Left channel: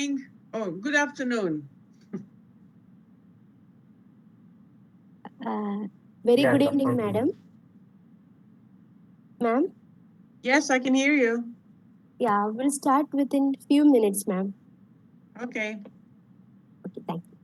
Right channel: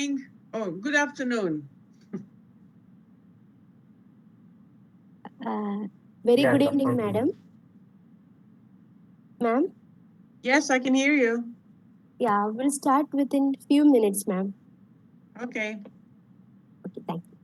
morning. Oh, good afternoon. Uh, Very Yeah, good Dr. evening, Kumar. madam. Ma'am, Yes, I can hear you. yeah, we'll start within few minutes, ma'am. Okay. Okay, thank you.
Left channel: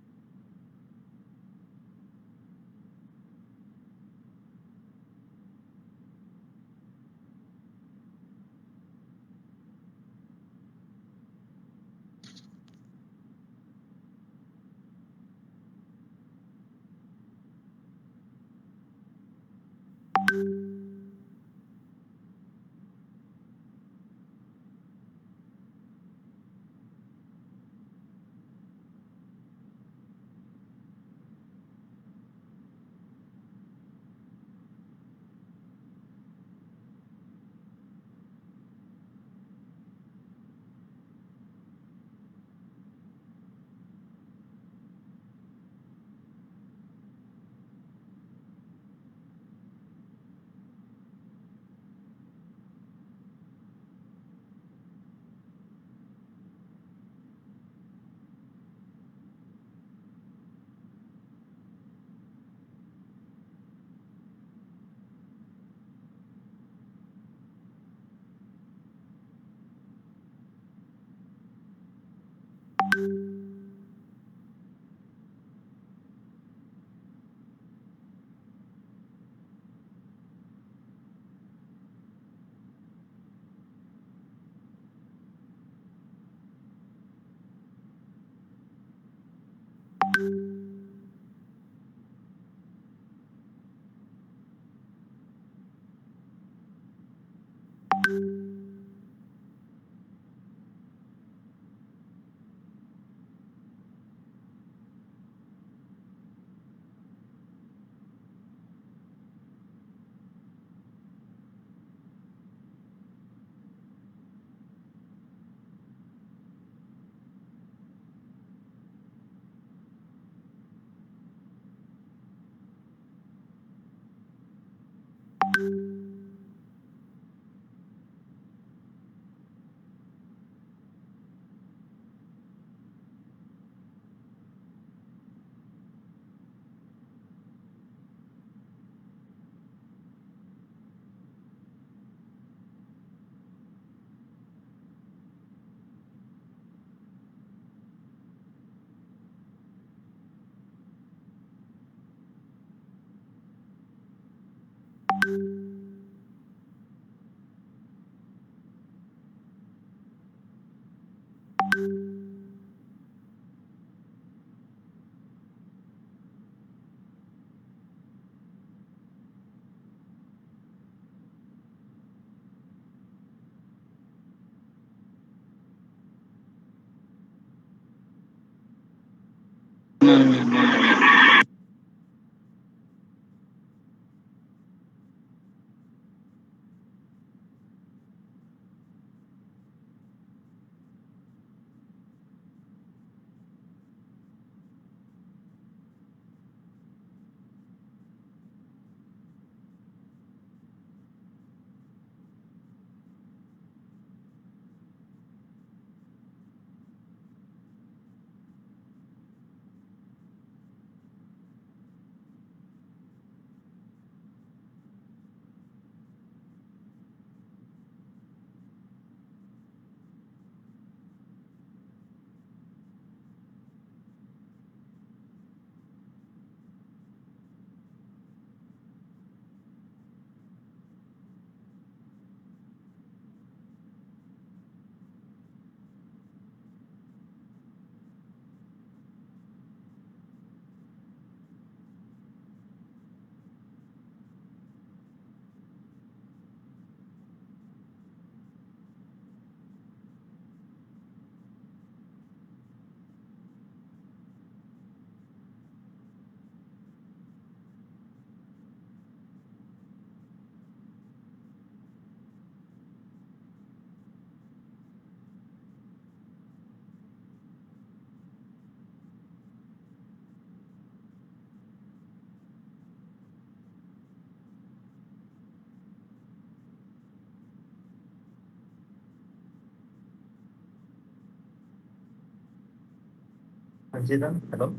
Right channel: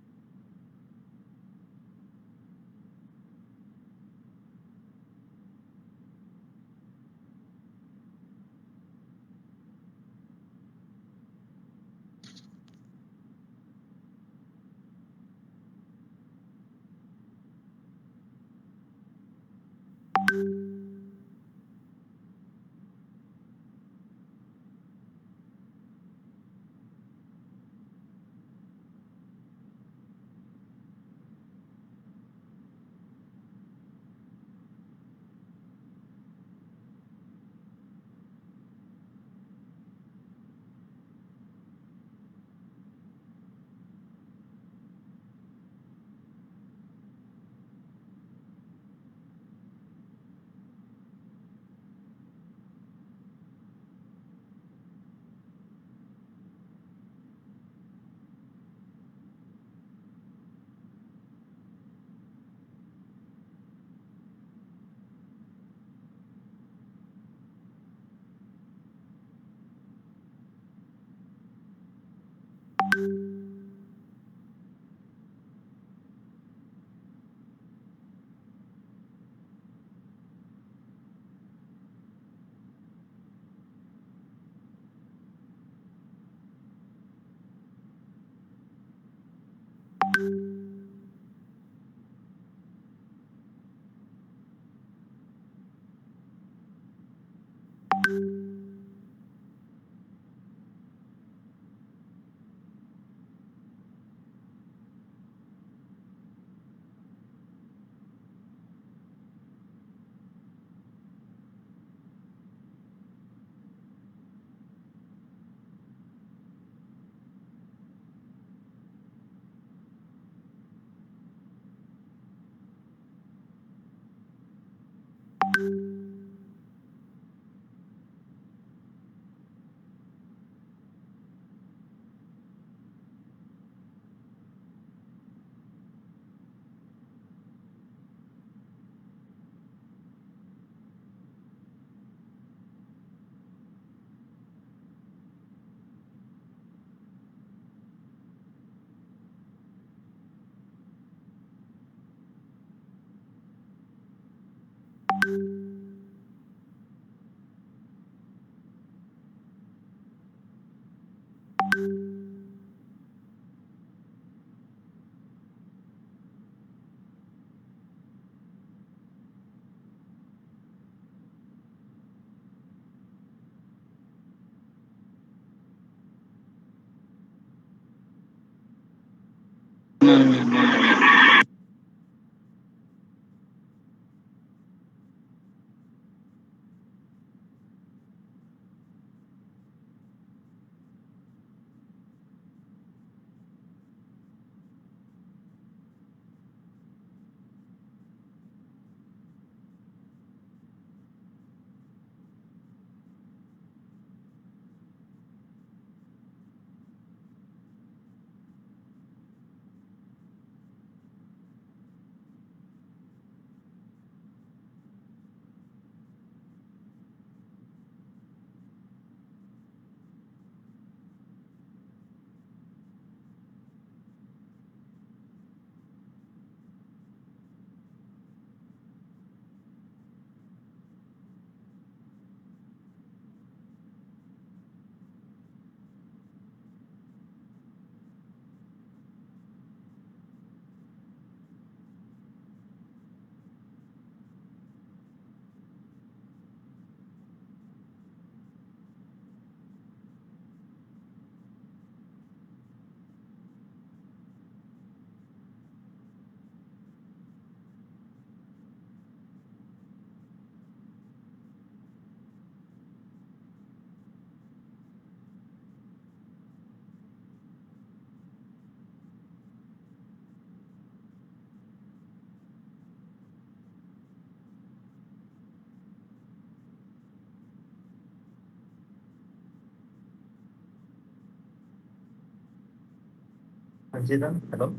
Anjita, hello.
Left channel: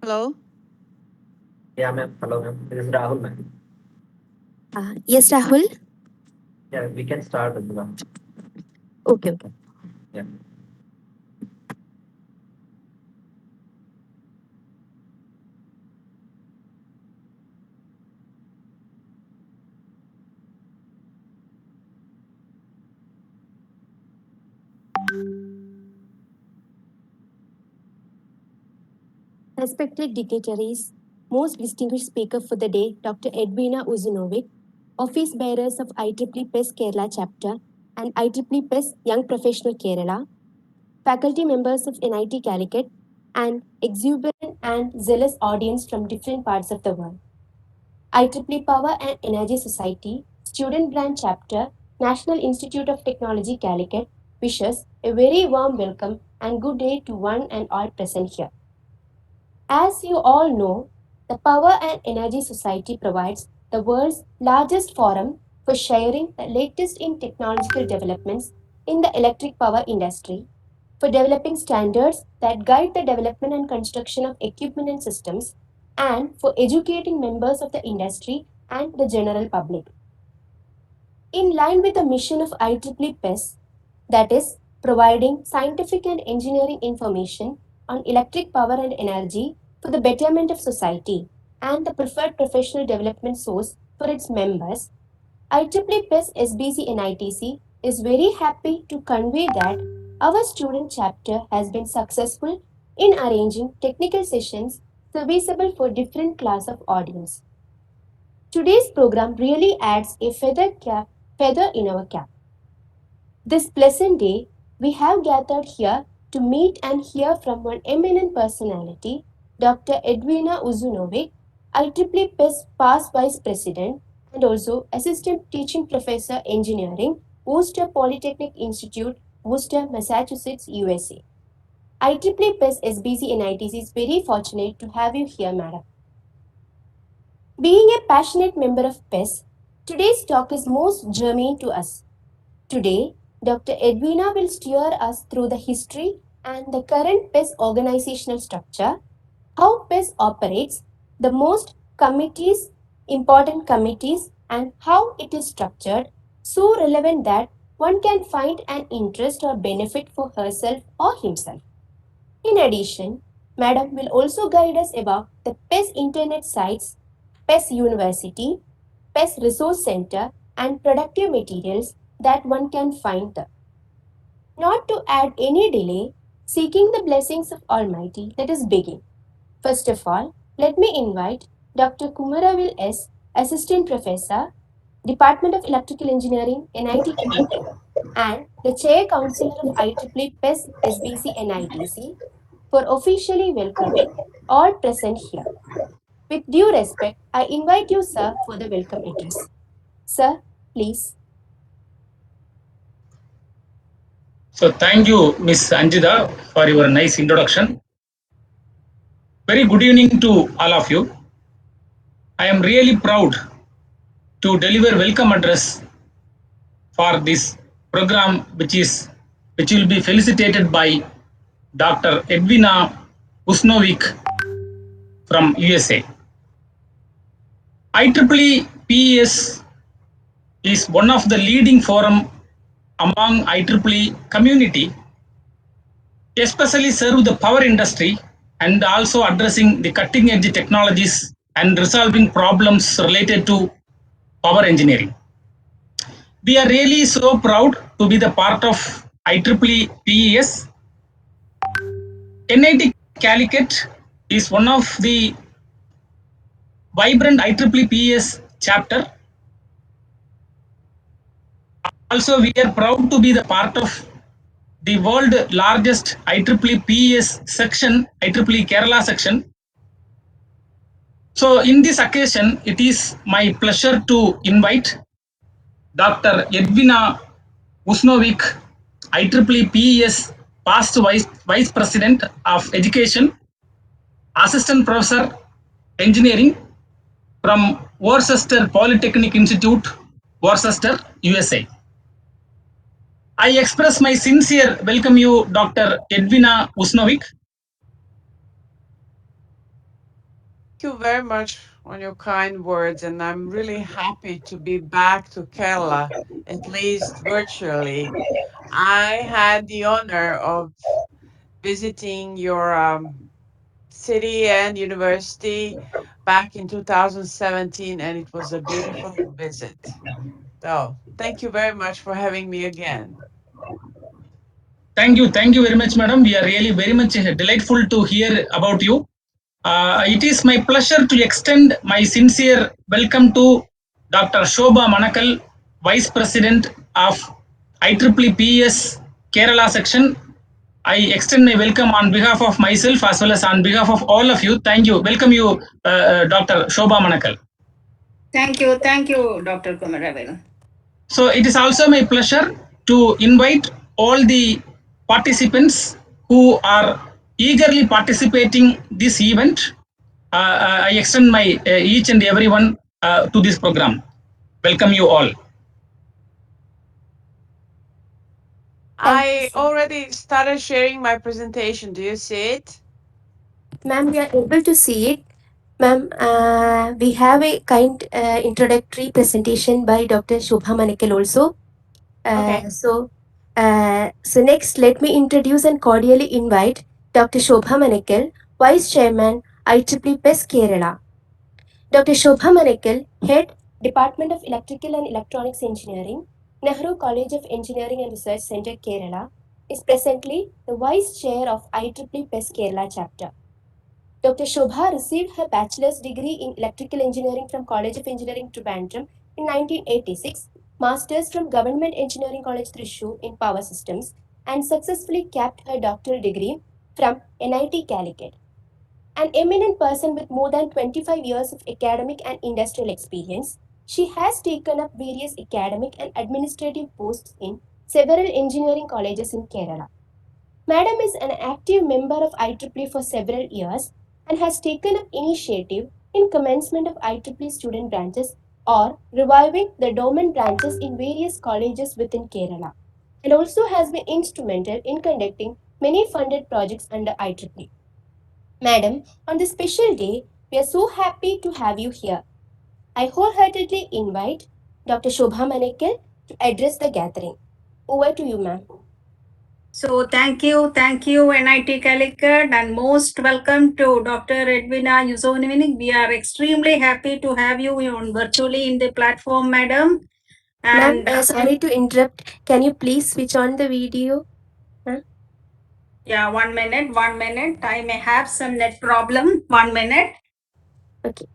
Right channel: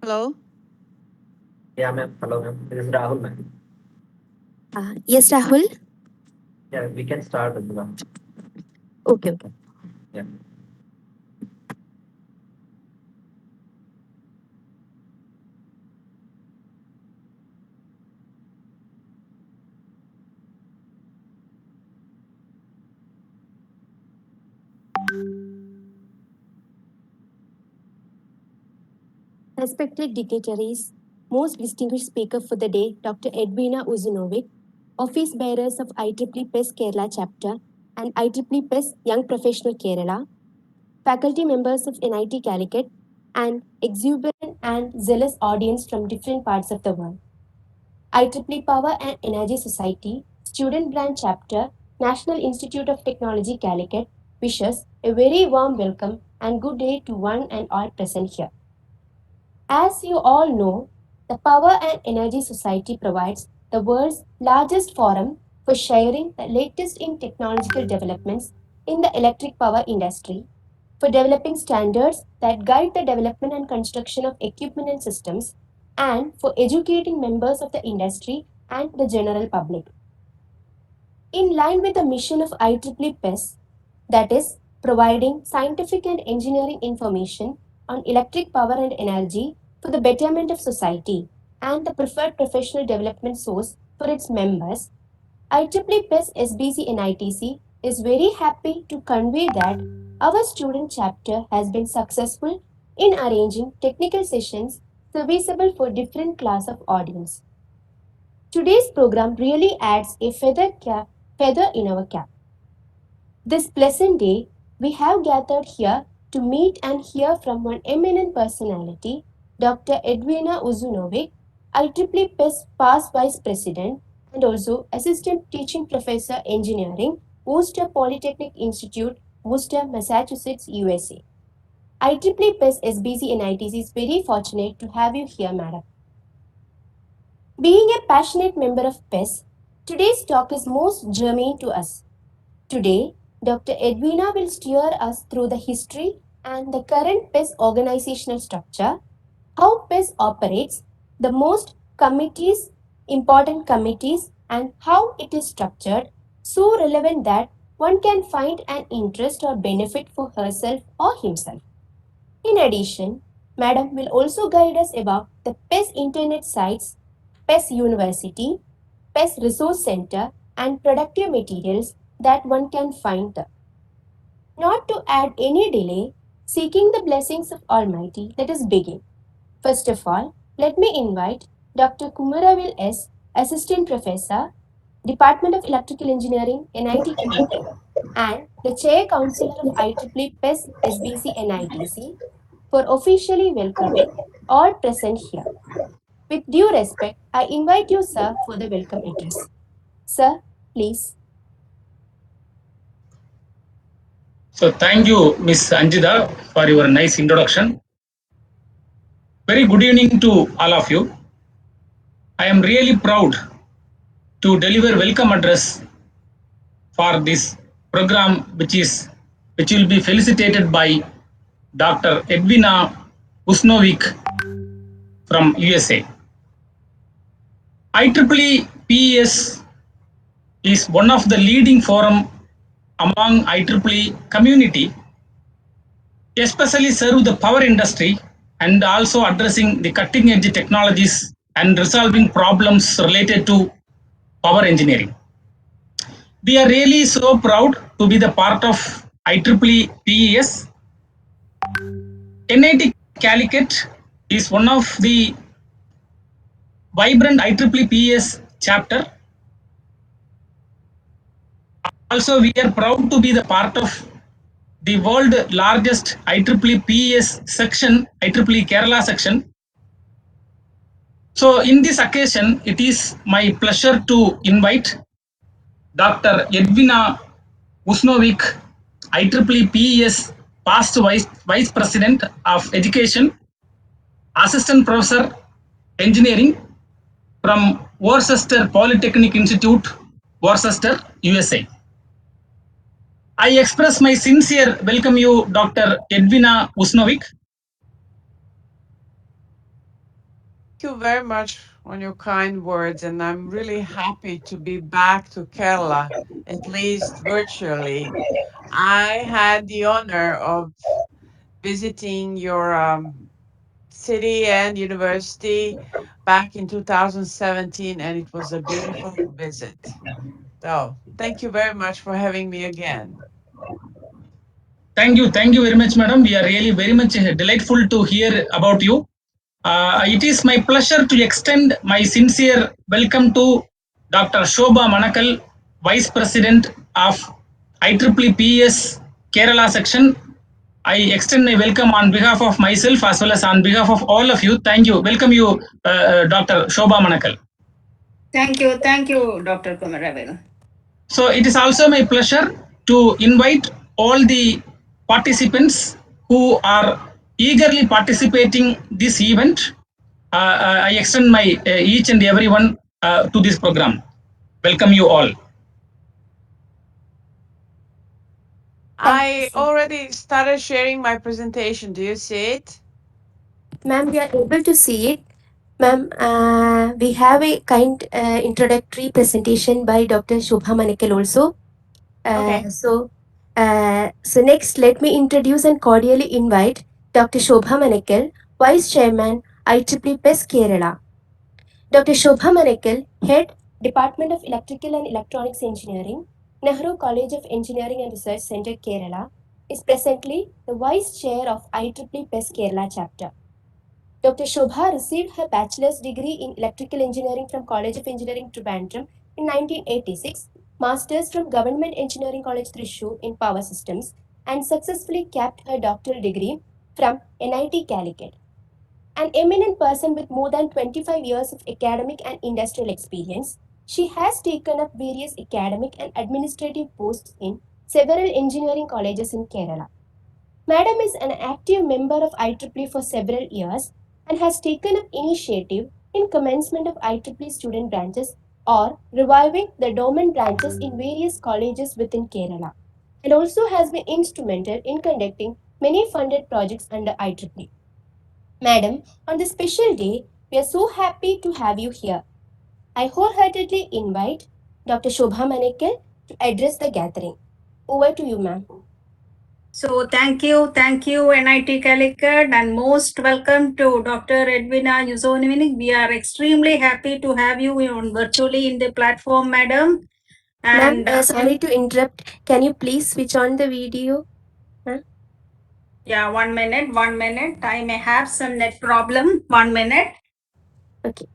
Hello? Yeah, ma'am. Hello, ma'am. This is Rahul, ma'am. Yes, Rahul. Yeah, we can start, Edvina. Okay. Yeah. Respected dignitaries, most distinguished speaker for the day, Dr. Edvina Uzunovic, office bearers of IEEE PES Kerala chapter and IEEE PES Young Professional Kerala, faculty members of NIT Calicut, and exuberant and zealous audience from different parts of the world. IEEE Power and Energy Society, Student Branch Chapter, National Institute of Technology Calicut wishes a very warm welcome and good day to one and all present here. As you all know, the Power and Energy Society provides the world's largest forum for sharing the latest in technological developments in the electric power industry, for developing standards that guide the development and construction of equipment and systems, and for educating members of the industry and the general public. In line with the mission of IEEE PES, that is, providing scientific and engineering information on electric power and energy for the betterment of society and the preferred professional development source for its members, IEEE PES SBC NITC is very happy to convey that our student chapter has been successful in arranging technical sessions serviceable for different class of audience. Today's program really adds a feather in our cap. This pleasant day, we have gathered here to meet and hear from one eminent personality, Dr. Edvina Uzunovic, IEEE PES past Vice President and also Assistant Teaching Professor Engineering, Worcester Polytechnic Institute, Worcester, Massachusetts, USA. IEEE PES SBC and ITC is very fortunate to have you here, madam. Being a passionate member of PES, today's talk is most germane to us. Today, Dr. Edvina will steer us through the history and the current PES organizational structure, how PES operates, the most committees, important committees, and how it is structured, so relevant that one can find an interest or benefit for herself or himself. In addition, Madam will also guide us about the PES internet sites, PES University, PES Resource Center, and productive materials that one can find there. Not to add any delay, seeking the blessings of Almighty, let us begin. First of all, let me invite Dr. Kumar S., Assistant Professor, Department of Electrical Engineering, NIT Calicut, and the Chair Counselor of IEEE PES SBC NITC for officially welcoming all present here. With due respect, I invite you, sir, for the welcome address. Sir, please. So thank you, Miss Anjita, for your nice introduction. Very good evening to all of you. I am really proud to deliver welcome address for this program, which will be felicitated by Dr. Edvina Uzunovic from USA. IEEE PES is one of the leading forum among IEEE community, especially serve the power industry and also addressing the cutting edge technologies and resolving problems related to power engineering. We are really so proud to be the part of IEEE PES. NIT Calicut is one of the vibrant IEEE PES chapter. Also, we are proud to be the part of the world largest IEEE PES section, IEEE Kerala section. So in this occasion, it is my pleasure to invite Dr. Edvina Uzunovic, IEEE PES past Vice President of Education, Assistant Professor Engineering from Worcester Polytechnic Institute, Worcester, USA. I express my sincere welcome you, Dr. Edvina Uzunovic. Thank you very much on your kind words, and I'm really happy to be back to Kerala, at least virtually. I had the honor of visiting your city and university back in 2017, and it was a beautiful visit. So, thank you very much for having me again. Thank you very much, madam. We are really very much delightful to hear about you. It is my pleasure to extend my sincere welcome to Dr. Shobha Manakal, Vice President of IEEE PES Kerala section. I extend my welcome on behalf of myself as well as on behalf of all of you. Thank you. Welcome you, Dr. Shobha Manakal. Thank you, Dr. Kumar. So it is also my pleasure to invite all the participants who are eagerly participating this event. I extend my each and everyone to this program. Welcome you all. I already started sharing my presentation. Do you see it? Ma'am, we are able to see it. Ma'am, we have a kind introductory presentation by Dr. Shubham also. Okay. So next, let me introduce and cordially invite Dr. Shobha Manekal, Vice Chairman, IEEE PES Kerala. Dr. Shobha Manekal, Head, Department of Electrical and Electronics Engineering, Nehru College of Engineering and Research Center, Kerala, is presently the Vice Chair of IEEE PES Kerala chapter. Dr. Shobha received her bachelor's degree in electrical engineering from College of Engineering, Trivandrum in 1986, master's from Government Engineering College, Thrissur in Power Systems, and successfully capped her doctoral degree from NIT Calicut. An eminent person with more than 25 years of academic and industrial experience, she has taken up various academic and administrative posts in several engineering colleges in Kerala. Madam is an active member of IEEE for several years and has taken up initiative in commencement of IEEE student branches or reviving the dormant branches in various colleges within Kerala, and also has been instrumental in conducting many funded projects under IEEE. Madam, on this special day, we are so happy to have you here. I wholeheartedly invite Dr. Shobha Manekal to address the gathering. Over to you, ma'am. So thank you, NIT Calicut, and most welcome to Dr. Edvina Uzunovic. We are extremely happy to have you on virtually in the platform, madam. Ma'am, And sorry to interrupt. Can you please switch on the video? yeah, 1 minute. I may have some net problem. 1 minute. Okay.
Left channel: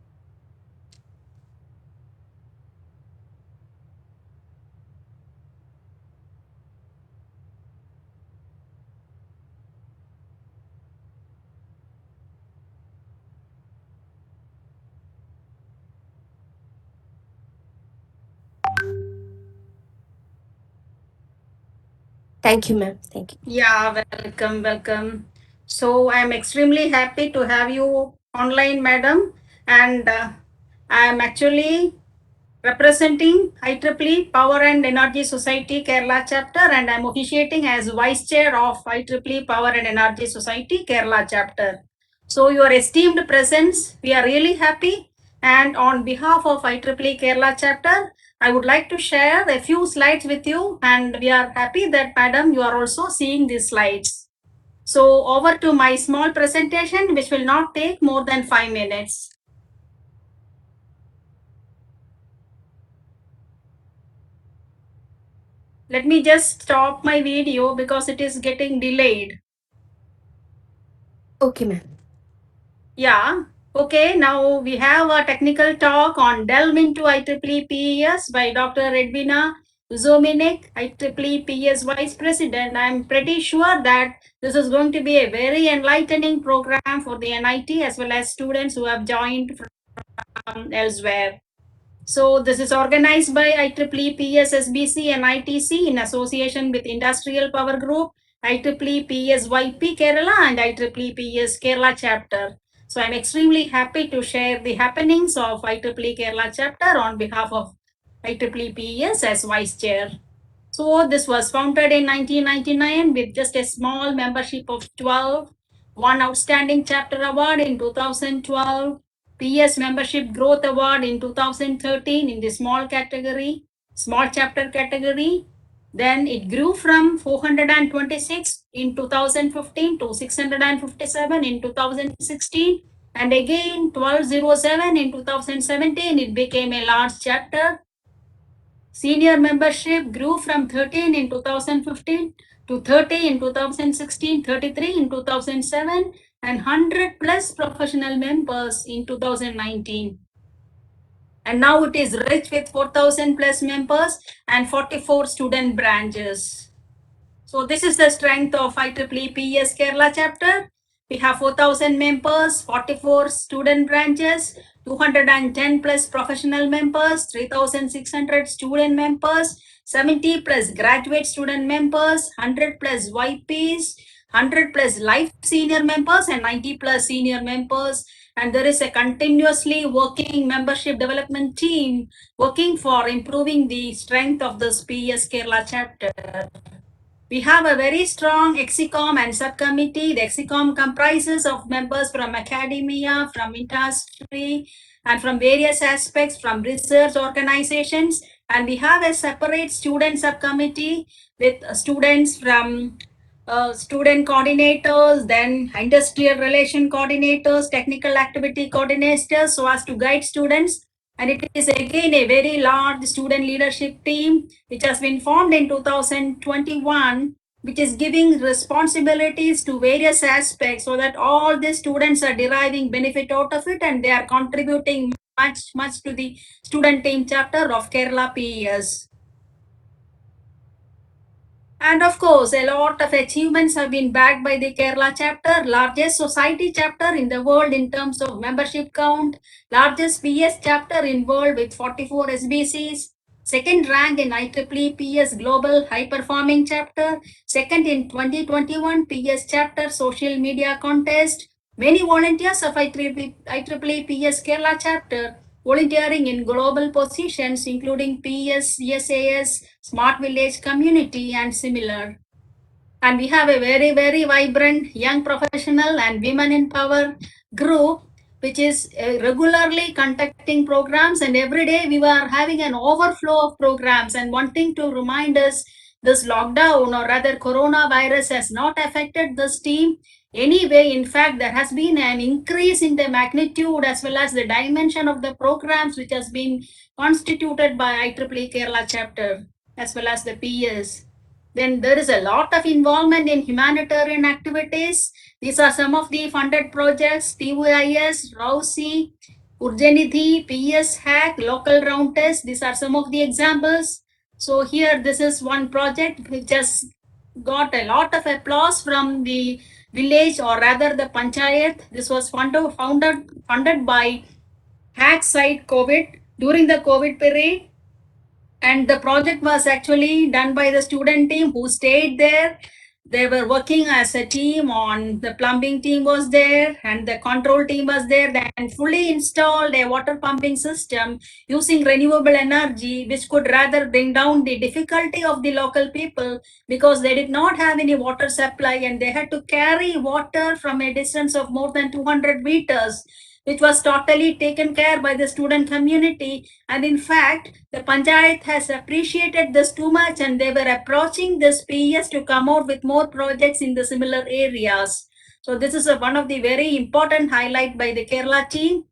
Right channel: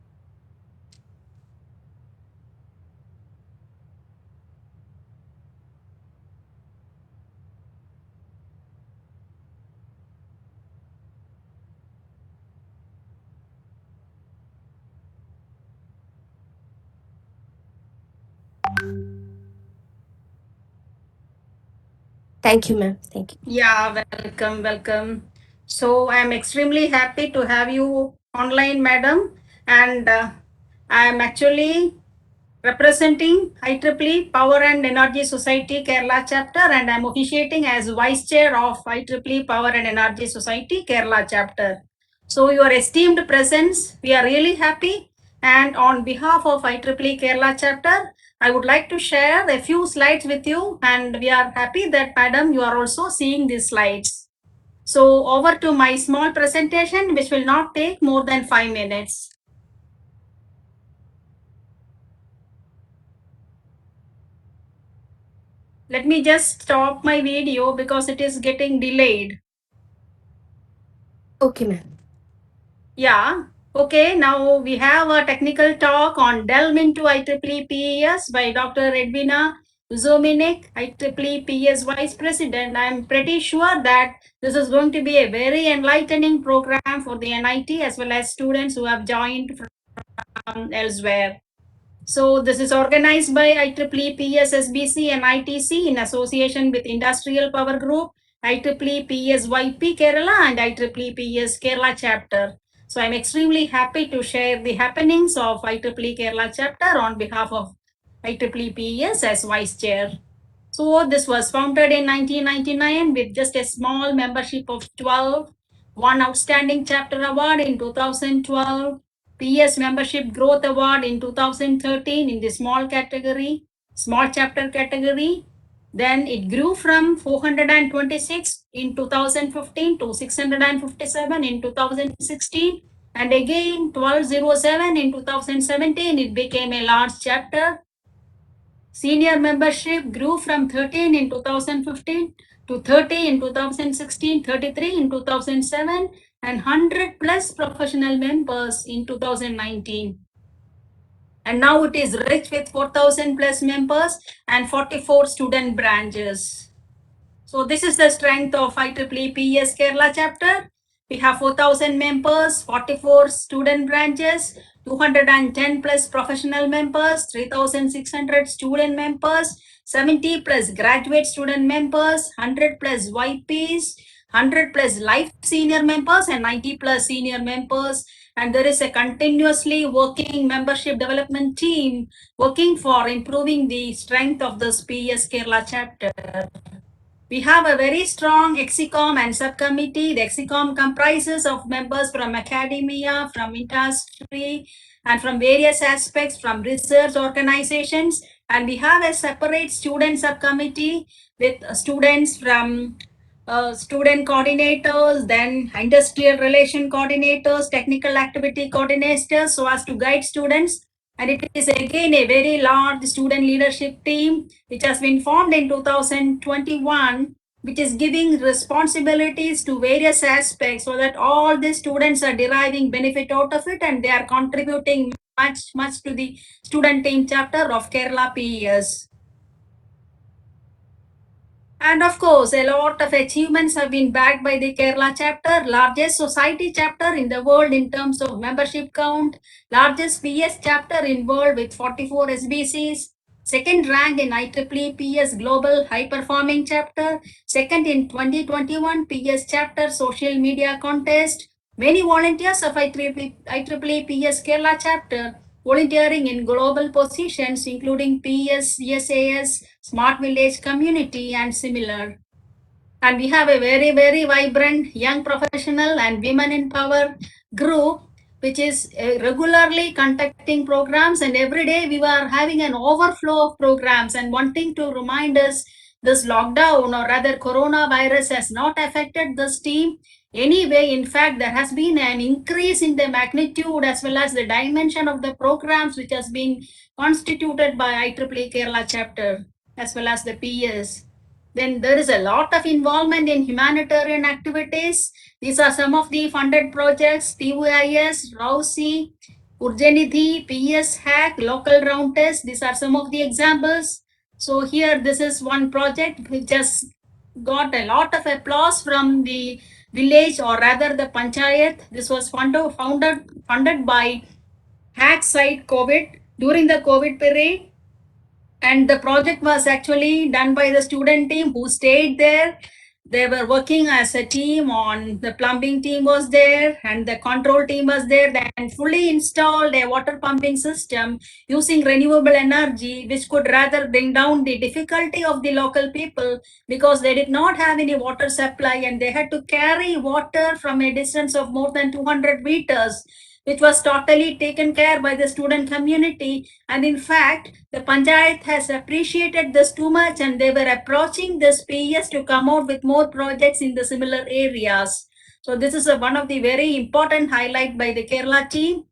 Thank you, ma'am. Thank you. Yeah, welcome. So I am extremely happy to have you online, madam. And I am actually representing IEEE Power and Energy Society Kerala chapter, and I'm officiating as Vice Chair of IEEE Power and Energy Society Kerala chapter. So your esteemed presence, we are really happy. And on behalf of IEEE Kerala chapter, I would like to share a few slides with you, and we are happy that, madam, you are also seeing these slides. So over to my small presentation, which will not take more than 5 minutes. Let me just stop my video because it is getting delayed. Okay, ma'am. Yeah. Okay, now we have a technical talk on Delve into IEEE PES by Dr. Edvina Uzunovic, IEEE PES Vice President. I'm pretty sure that this is going to be a very enlightening program for the NIT as well as students who have joined from elsewhere. So this is organized by IEEE PSSBC and ITC in association with Industrial Power Group, IEEE PSYP Kerala and IEEE PS Kerala chapter. So I'm extremely happy to share the happenings of IEEE Kerala chapter on behalf of IEEE PS as Vice Chair. So this was founded in 1999 with just a small membership of 12, one outstanding chapter award in 2012, PS Membership Growth Award in 2013 in the small category, small chapter category. Then it grew from 426 in 2015 to 657 in 2016. And again 1207 in 2017, it became a large chapter. Senior membership grew from 13 in 2015 to 30 in 2016, 33 in 2007, and 100 plus professional members in 2019. And now it is rich with 4,000 plus members and 44 student branches. So this is the strength of IEEE PES Kerala chapter. We have 4,000 members, 44 student branches, 210 plus professional members, 3,600 student members, 70 plus graduate student members, 100 plus YPs, 100 plus life senior members, and 90 plus senior members. And there is a continuously working membership development team working for improving the strength of this PES Kerala chapter. We have a very strong EXICOM and subcommittee. The EXICOM comprises of members from academia, from industry, and from various aspects from research organizations. And we have a separate student subcommittee with students from student coordinators, then industrial relation coordinators, technical activity coordinators, so as to guide students. And it is again a very large student leadership team which has been formed in 2021, which is giving responsibilities to various aspects so that all the students are deriving benefit out of it, and they are contributing much to the student team chapter of Kerala PES. And of course, a lot of achievements have been backed by the Kerala chapter, largest society chapter in the world in terms of membership count, largest PS chapter in world with 44 SBCs, second rank in IEEE PS Global High Performing Chapter, second in 2021 PS Chapter Social Media Contest. Many volunteers of IEEE PS Kerala Chapter volunteering in global positions including PS, CSAS, Smart Village Community, and similar. And we have a very vibrant young professional and women in power group which is regularly conducting programs, and every day we were having an overflow of programs and wanting to remind us this lockdown, or rather coronavirus, has not affected this team anyway. In fact, there has been an increase in the magnitude as well as the dimension of the programs which has been constituted by IEEE Kerala chapter as well as the PS. Then there is a lot of involvement in humanitarian activities. These are some of the funded projects: TVIS, ROUSI, Urjanidhi, PS Hack, Local Round Test. These are some of the examples. So here, this is one project which has got a lot of applause from the village, or rather the panchayat. This was funded by Hack Site COVID during the COVID period. And the project was actually done by the student team who stayed there. They were working as a team on, the plumbing team was there and the control team was there, and fully installed a water pumping system using renewable energy, which could rather bring down the difficulty of the local people because they did not have any water supply and they had to carry water from a distance of more than 200 meters, which was totally taken care by the student community. And in fact, the Panchayat has appreciated this too much, and they were approaching this PES to come out with more projects in the similar areas. So this is one of the very important highlight by the Kerala team.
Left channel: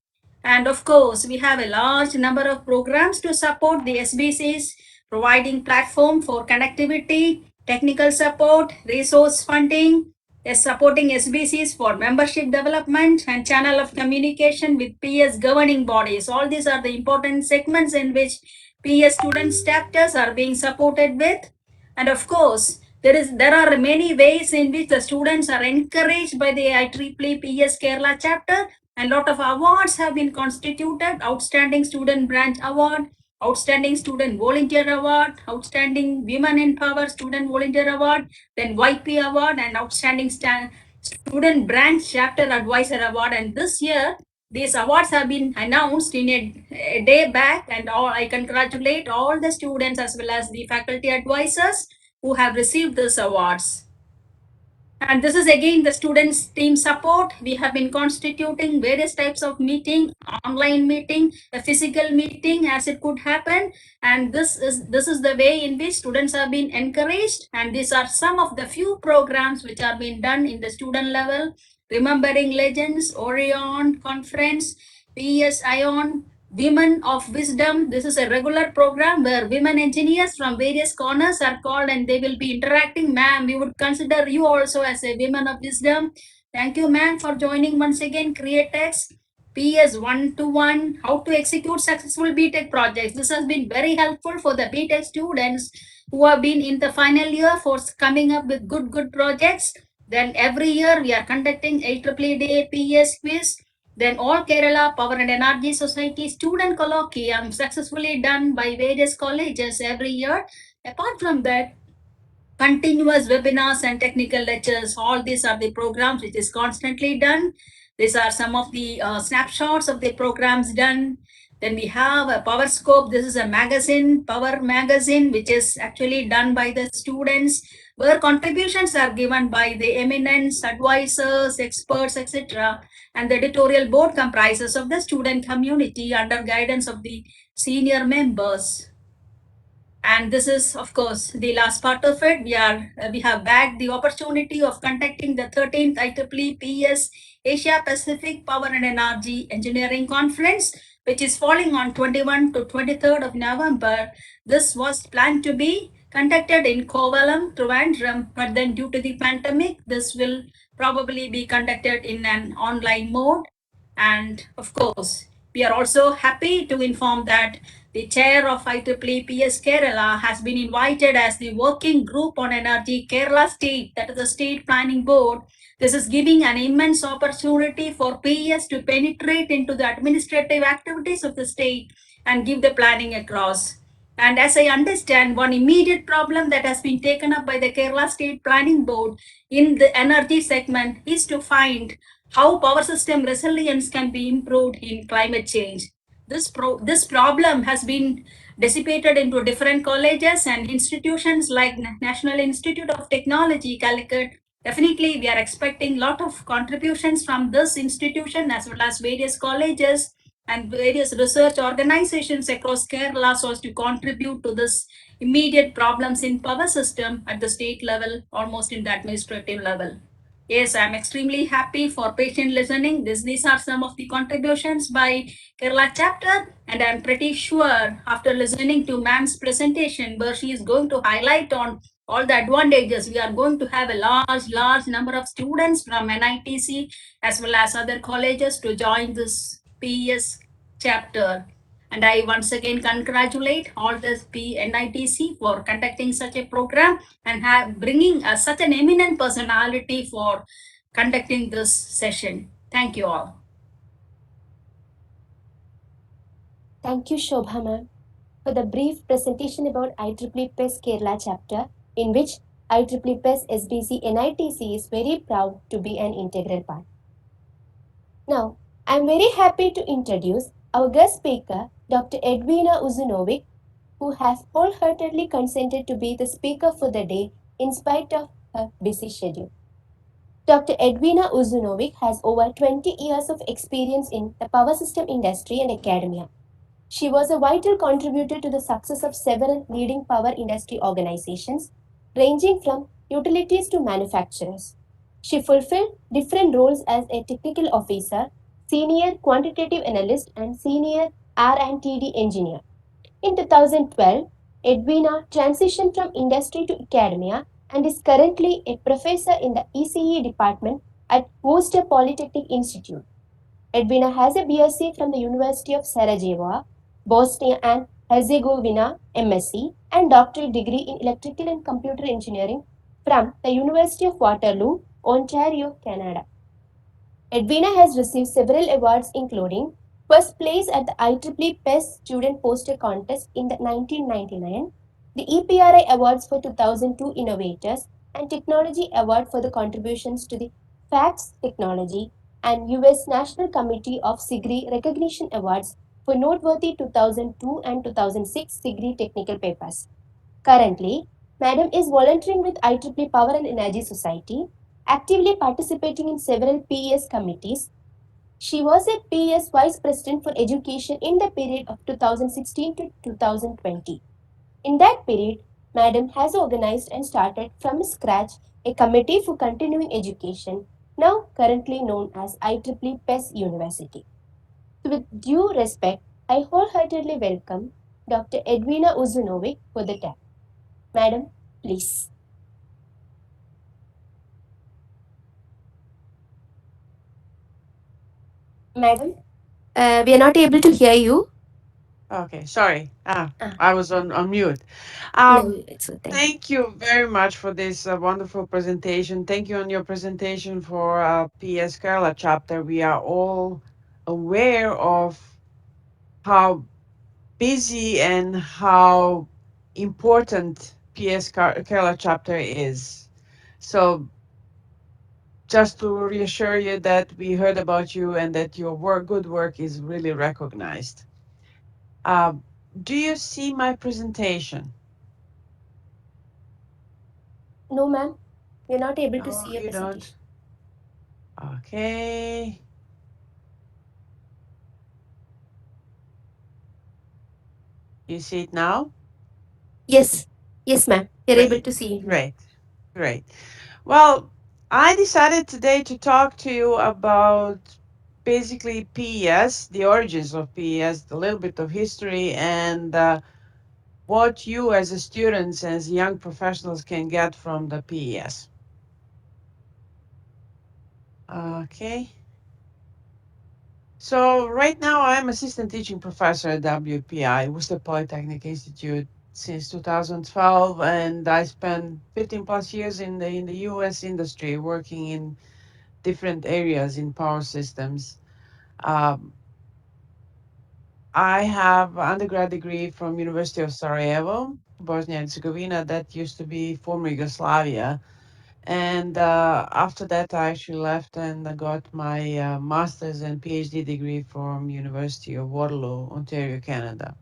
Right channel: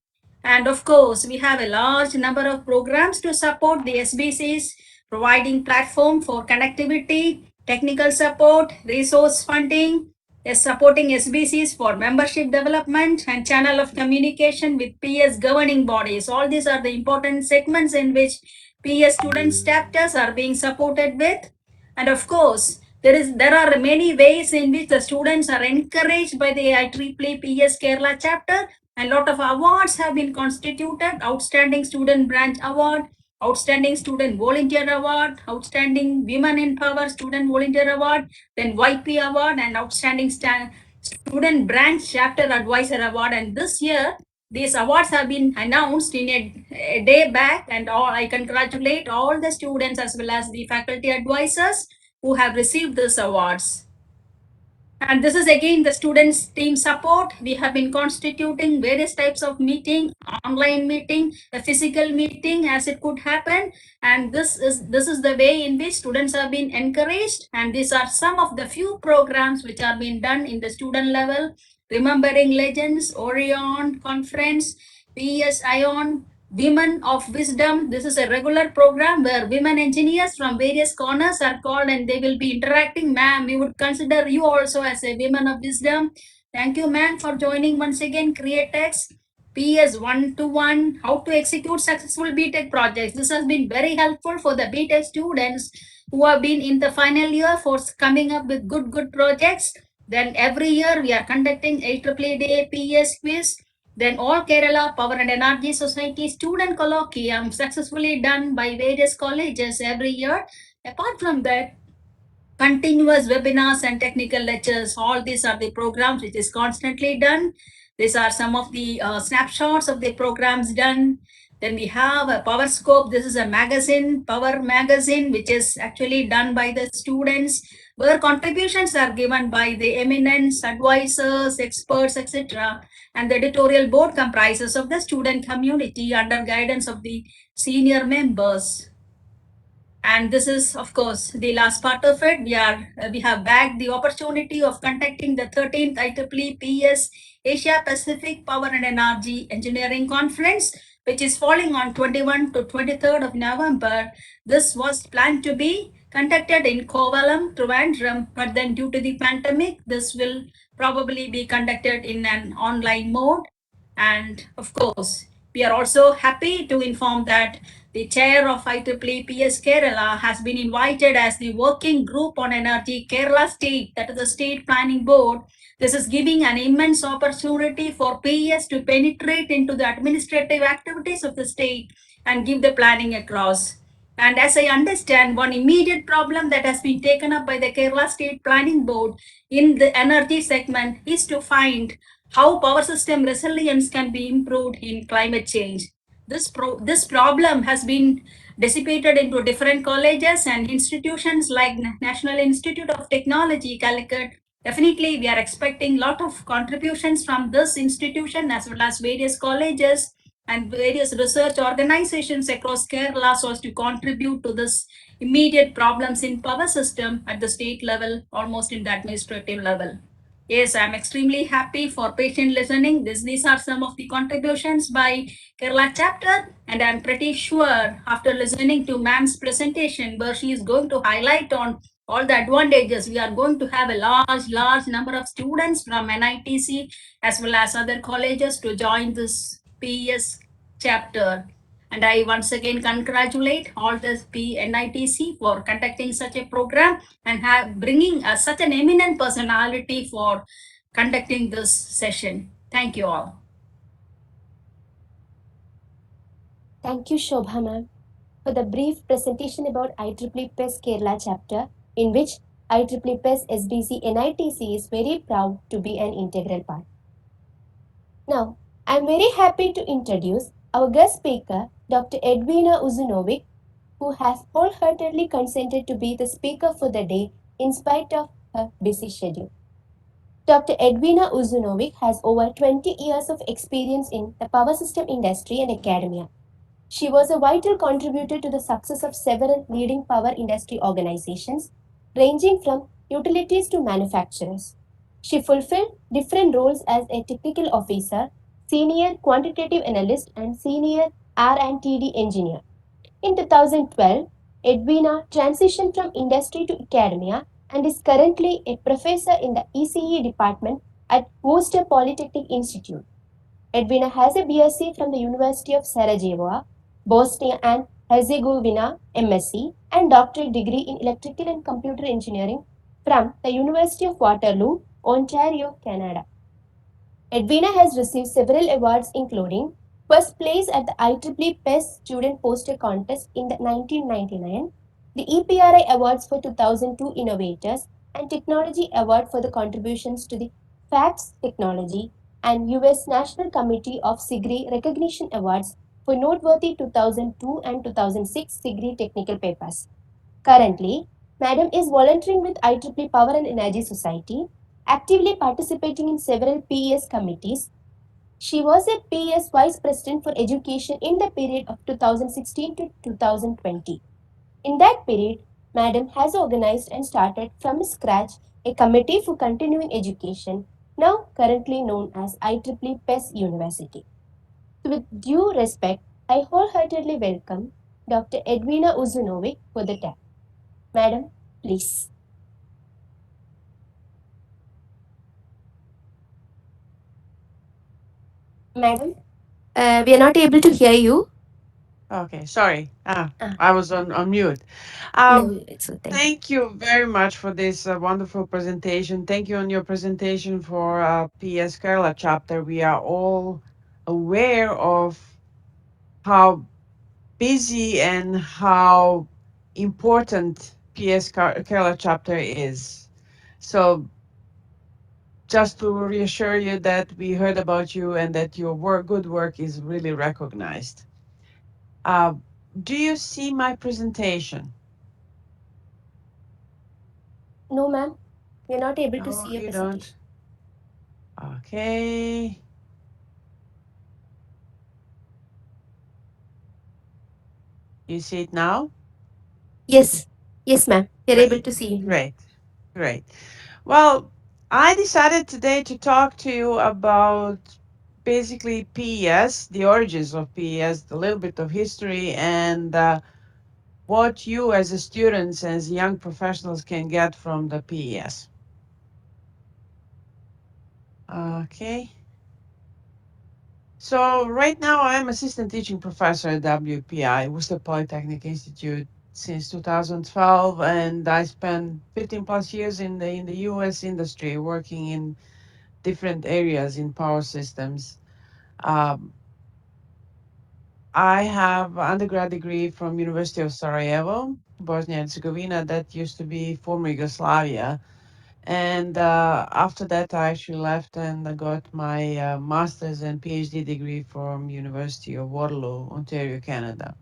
And of course, we have a large number of programs to support the SBCs, providing platform for connectivity, technical support, resource funding, is supporting SBCs for membership development and channel of communication with PS governing bodies. All these are the important segments in which PS student chapters are being supported with. And of course, there are many ways in which the students are encouraged by the IEEE PS Kerala chapter, and a lot of awards have been constituted: Outstanding Student Branch Award, Outstanding Student Volunteer Award, Outstanding Women in Power Student Volunteer Award, then YP Award, and Outstanding Student Branch Chapter Advisor Award. And this year, these awards have been announced in a day back, and I congratulate all the students as well as the faculty advisors who have received these awards. And this is again the students team support. We have been constituting various types of meeting, online meeting, a physical meeting as it could happen. And this is the way in which students have been encouraged. And these are some of the few programs which are being done in the student level. Remembering Legends, Orion Conference, PES Ion, Women of Wisdom. This is a regular program where women engineers from various corners are called and they will be interacting. Ma'am, we would consider you also as a women of wisdom. Thank you, ma'am, for joining once again. CreateX, PS 1-to-1, how to execute successful BTech projects. This has been very helpful for the BTech students who have been in the final year for coming up with good projects. Then every year we are conducting IEEE Day PS quiz. Then All Kerala Power and Energy Society Student Colloquium successfully done by various colleges every year. Apart from that, continuous webinars and technical lectures, all these are the programs which is constantly done. These are some of the snapshots of the programs done. Then we have a Power Scope. This is a magazine, Power Magazine, which is actually done by the students, where contributions are given by the eminence, advisors, experts, etc. And the editorial board comprises of the student community under guidance of the senior members. And this is, of course, the last part of it. We have bagged the opportunity of conducting the 13th IEEE PES Asia Pacific Power and Energy Engineering Conference, which is falling on 21 to 23rd of November. This was planned to be conducted in Kovalam, Trivandrum, but then due to the pandemic, this will probably be conducted in an online mode. And of course, we are also happy to inform that the chair of IEEE PES Kerala has been invited as the working group on energy Kerala state, that is the state planning board. This is giving an immense opportunity for PES to penetrate into the administrative activities of the state and give the planning across. And as I understand, one immediate problem that has been taken up by the Kerala State Planning Board in the energy segment is to find how power system resilience can be improved in climate change. This problem has been dissipated into different colleges and institutions like National Institute of Technology, Calicut. Definitely, we are expecting a lot of contributions from this institution as well as various colleges and various research organizations across Kerala so as to contribute to this immediate problems in power system at the state level, almost in the administrative level. Yes, I'm extremely happy for patient listening. These are some of the contributions by Kerala chapter, and I'm pretty sure after listening to ma'am's presentation where she is going to highlight on all the advantages, we are going to have a large number of students from NITC as well as other colleges to join this PES chapter. And I once again congratulate all the NITC for conducting such a program and bringing such an eminent personality for conducting this session. Thank you all. Thank you, Shobha ma'am, for the brief presentation about IEEE PES Kerala chapter, in which IEEE PES SBC NITC is very proud to be an integral part. Now, I am very happy to introduce our guest speaker, Dr. Edvina Uzunovic, who has wholeheartedly consented to be the speaker for the day in spite of her busy schedule. Dr. Edvina Uzunovic has over 20 years of experience in the power system industry and academia. She was a vital contributor to the success of several leading power industry organizations, ranging from utilities to manufacturers. She fulfilled different roles as a technical officer, senior quantitative analyst, and senior R&TD engineer. In 2012, Edvina transitioned from industry to academia and is currently a professor in the ECE department at Worcester Polytechnic Institute. Edvina has a BSc from the University of Sarajevo, Bosnia and Herzegovina MSc, and doctorate degree in electrical and computer engineering from the University of Waterloo, Ontario, Canada. Edvina has received several awards including first place at the IEEE PES Student Poster Contest in the 1999, the EPRI Awards for 2002 Innovators, and Technology Award for the contributions to the FACTS technology, and US National Committee of SIGRI Recognition Awards for noteworthy 2002 and 2006 SIGRI technical papers. Currently, Madam is volunteering with IEEE Power and Energy Society, actively participating in several PES committees. She was a PES Vice President for Education in the period of 2016 to 2020. In that period, Madam has organized and started from scratch a committee for continuing education, now currently known as IEEE PES University. So with due respect, I wholeheartedly welcome Dr. Edvina Uzunovic for the talk. Madam, please. Madam, we are not able to hear you. Okay, sorry. Ah, I was on mute. no, Um, it's so thank you. Thank you very much for this wonderful presentation. Thank you on your presentation for PS Kerala chapter. We are all aware of how busy and how important Kerala chapter is. So just to reassure you that we heard about you and that your good work is really recognized. Uh, do you see my presentation? No, ma'am, we are not able to No, see your you don't. presentation. Okay. You see it now? Yes, yes, ma'am, we are able Great, to see you now. great, great. Well, I decided today to talk to you about basically PES, the origins of PES, a little bit of history, and what you as a students, as young professionals can get from the PES. Okay. So right now I'm assistant teaching professor at WPI, Worcester Polytechnic Institute, since 2012, and I spent 15 plus years in the US industry working in different areas in power systems. Um, I have undergrad degree from University of Sarajevo, Bosnia and Herzegovina, that used to be former Yugoslavia. And after that, I actually left and I got my master's and PhD degree from University of Waterloo, Ontario, Canada.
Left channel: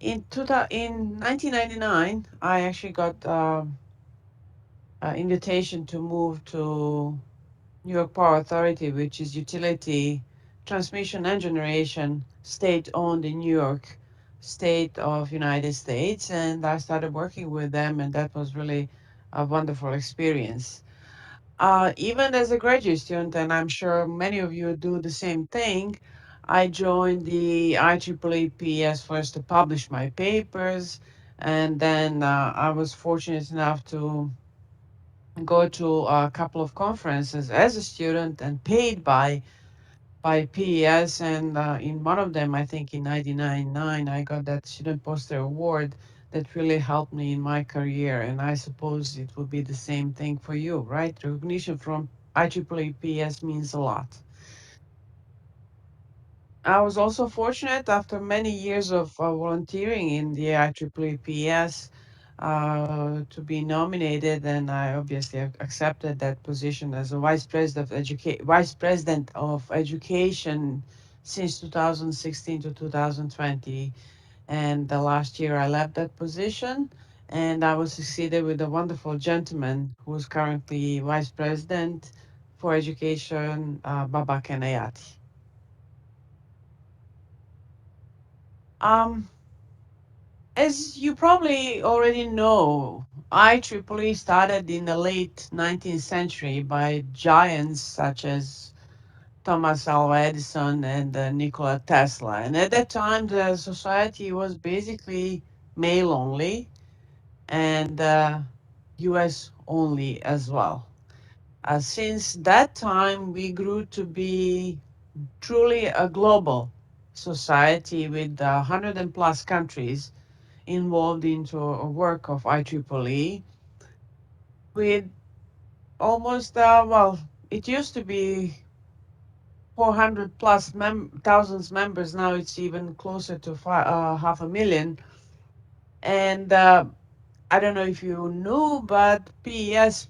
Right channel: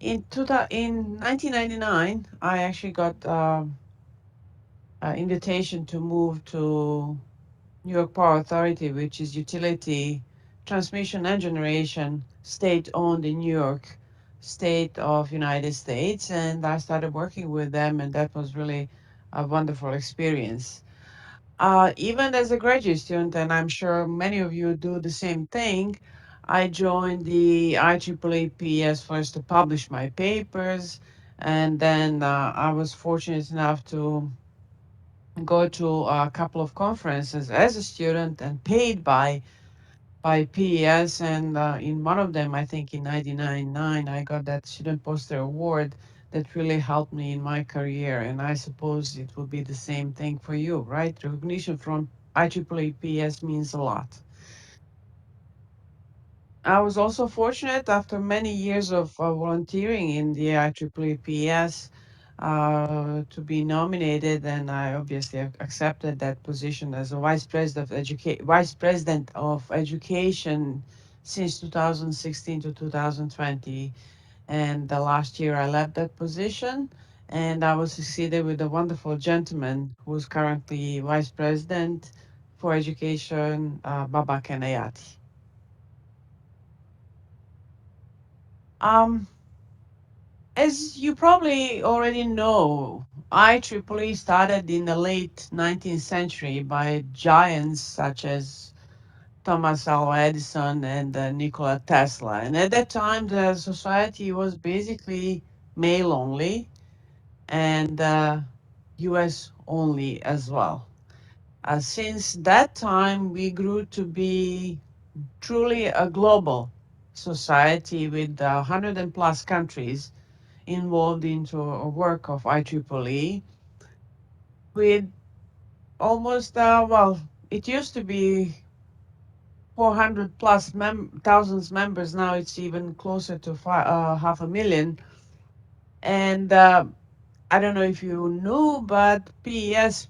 In 1999, I actually got an invitation to move to New York Power Authority, which is utility transmission and generation state-owned in New York state of United States. And I started working with them, and that was really a wonderful experience. Even as a graduate student, and I'm sure many of you do the same thing, I joined the IEEE PS first to publish my papers, and then I was fortunate enough to go to a couple of conferences as a student and paid by PES, and in one of them, I think in 99 I got that student poster award that really helped me in my career. And I suppose it would be the same thing for you, right? Recognition from IEEE PS means a lot. I was also fortunate after many years of volunteering in the IEEE PS to be nominated, and I obviously accepted that position as a vice president of education since 2016 to 2020. And the last year I left that position, and I was succeeded with a wonderful gentleman who's currently vice president for education, Baba Kenayati. Um, As you probably already know, IEEE started in the late 19th century by giants such as Thomas Alva Edison and Nikola Tesla. And at that time, the society was basically male only and US only as well. Since that time, we grew to be truly a global society with 100 and plus countries involved into a work of IEEE with almost, well, it used to be 400 plus thousands members. Now it's even closer to half a million. And I don't know if you knew, but PES,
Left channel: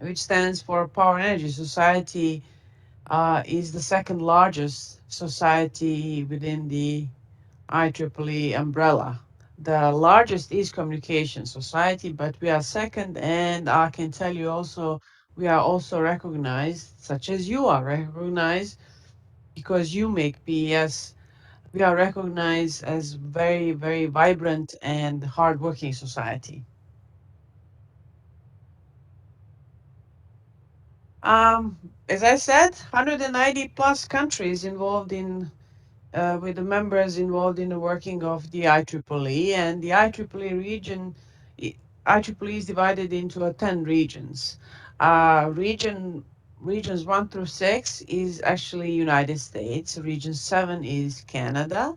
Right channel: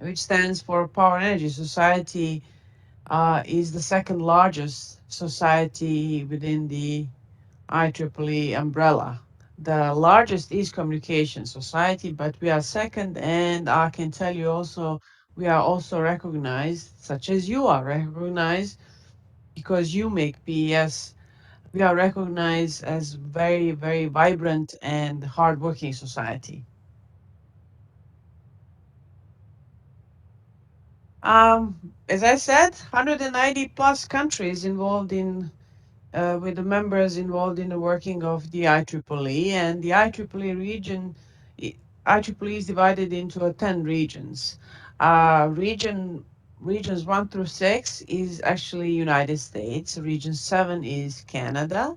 which stands for Power and Energy Society, is the second largest society within the IEEE umbrella. The largest is Communication Society, but we are second, and I can tell you also we are also recognized, such as you are recognized, because you make PES. We are recognized as very, very vibrant and hardworking society. As I said, 190 plus countries involved in with the members involved in the working of the IEEE, and the IEEE region, IEEE is divided into 10 regions. Regions 1 through 6 is actually United States. Region 7 is Canada.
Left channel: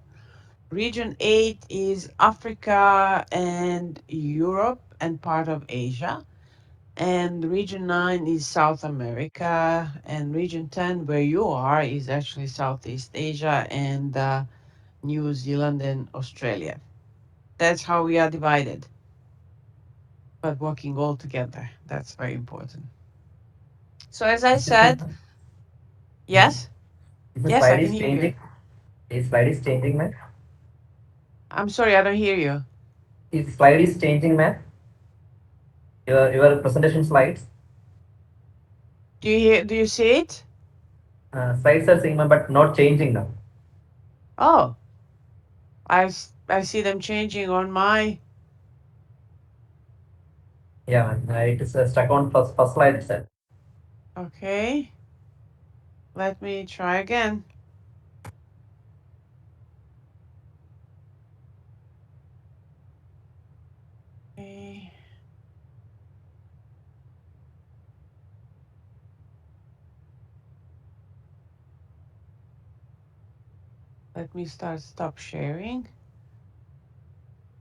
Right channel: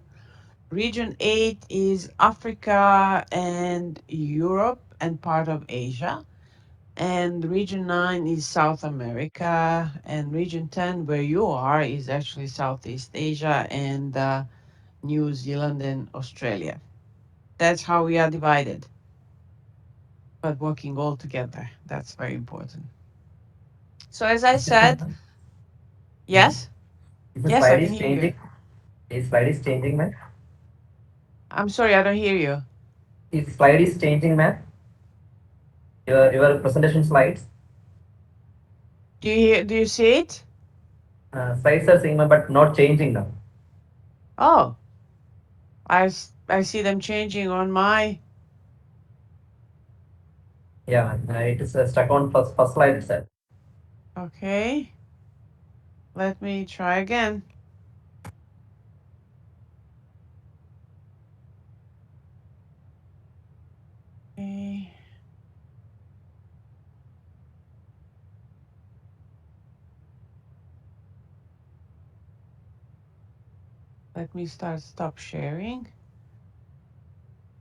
Region 8 is Africa and Europe and part of Asia. And region 9 is South America. And region 10, where you are, is actually Southeast Asia and New Zealand and Australia. That's how we are divided, but working all together. That's very important. So as I Is this said, yes, is the yes, I slide can is hear you. changing? Is slide is changing, ma'am? I'm sorry, I don't hear you. Is slide is changing, ma'am? Your presentation slides. Do you see it? Slides are same, ma'am, but not changing now. Oh, I see them changing on my. Yeah, ma'am. It is stuck on first slide itself. Okay, let me try again. Okay, let me stop sharing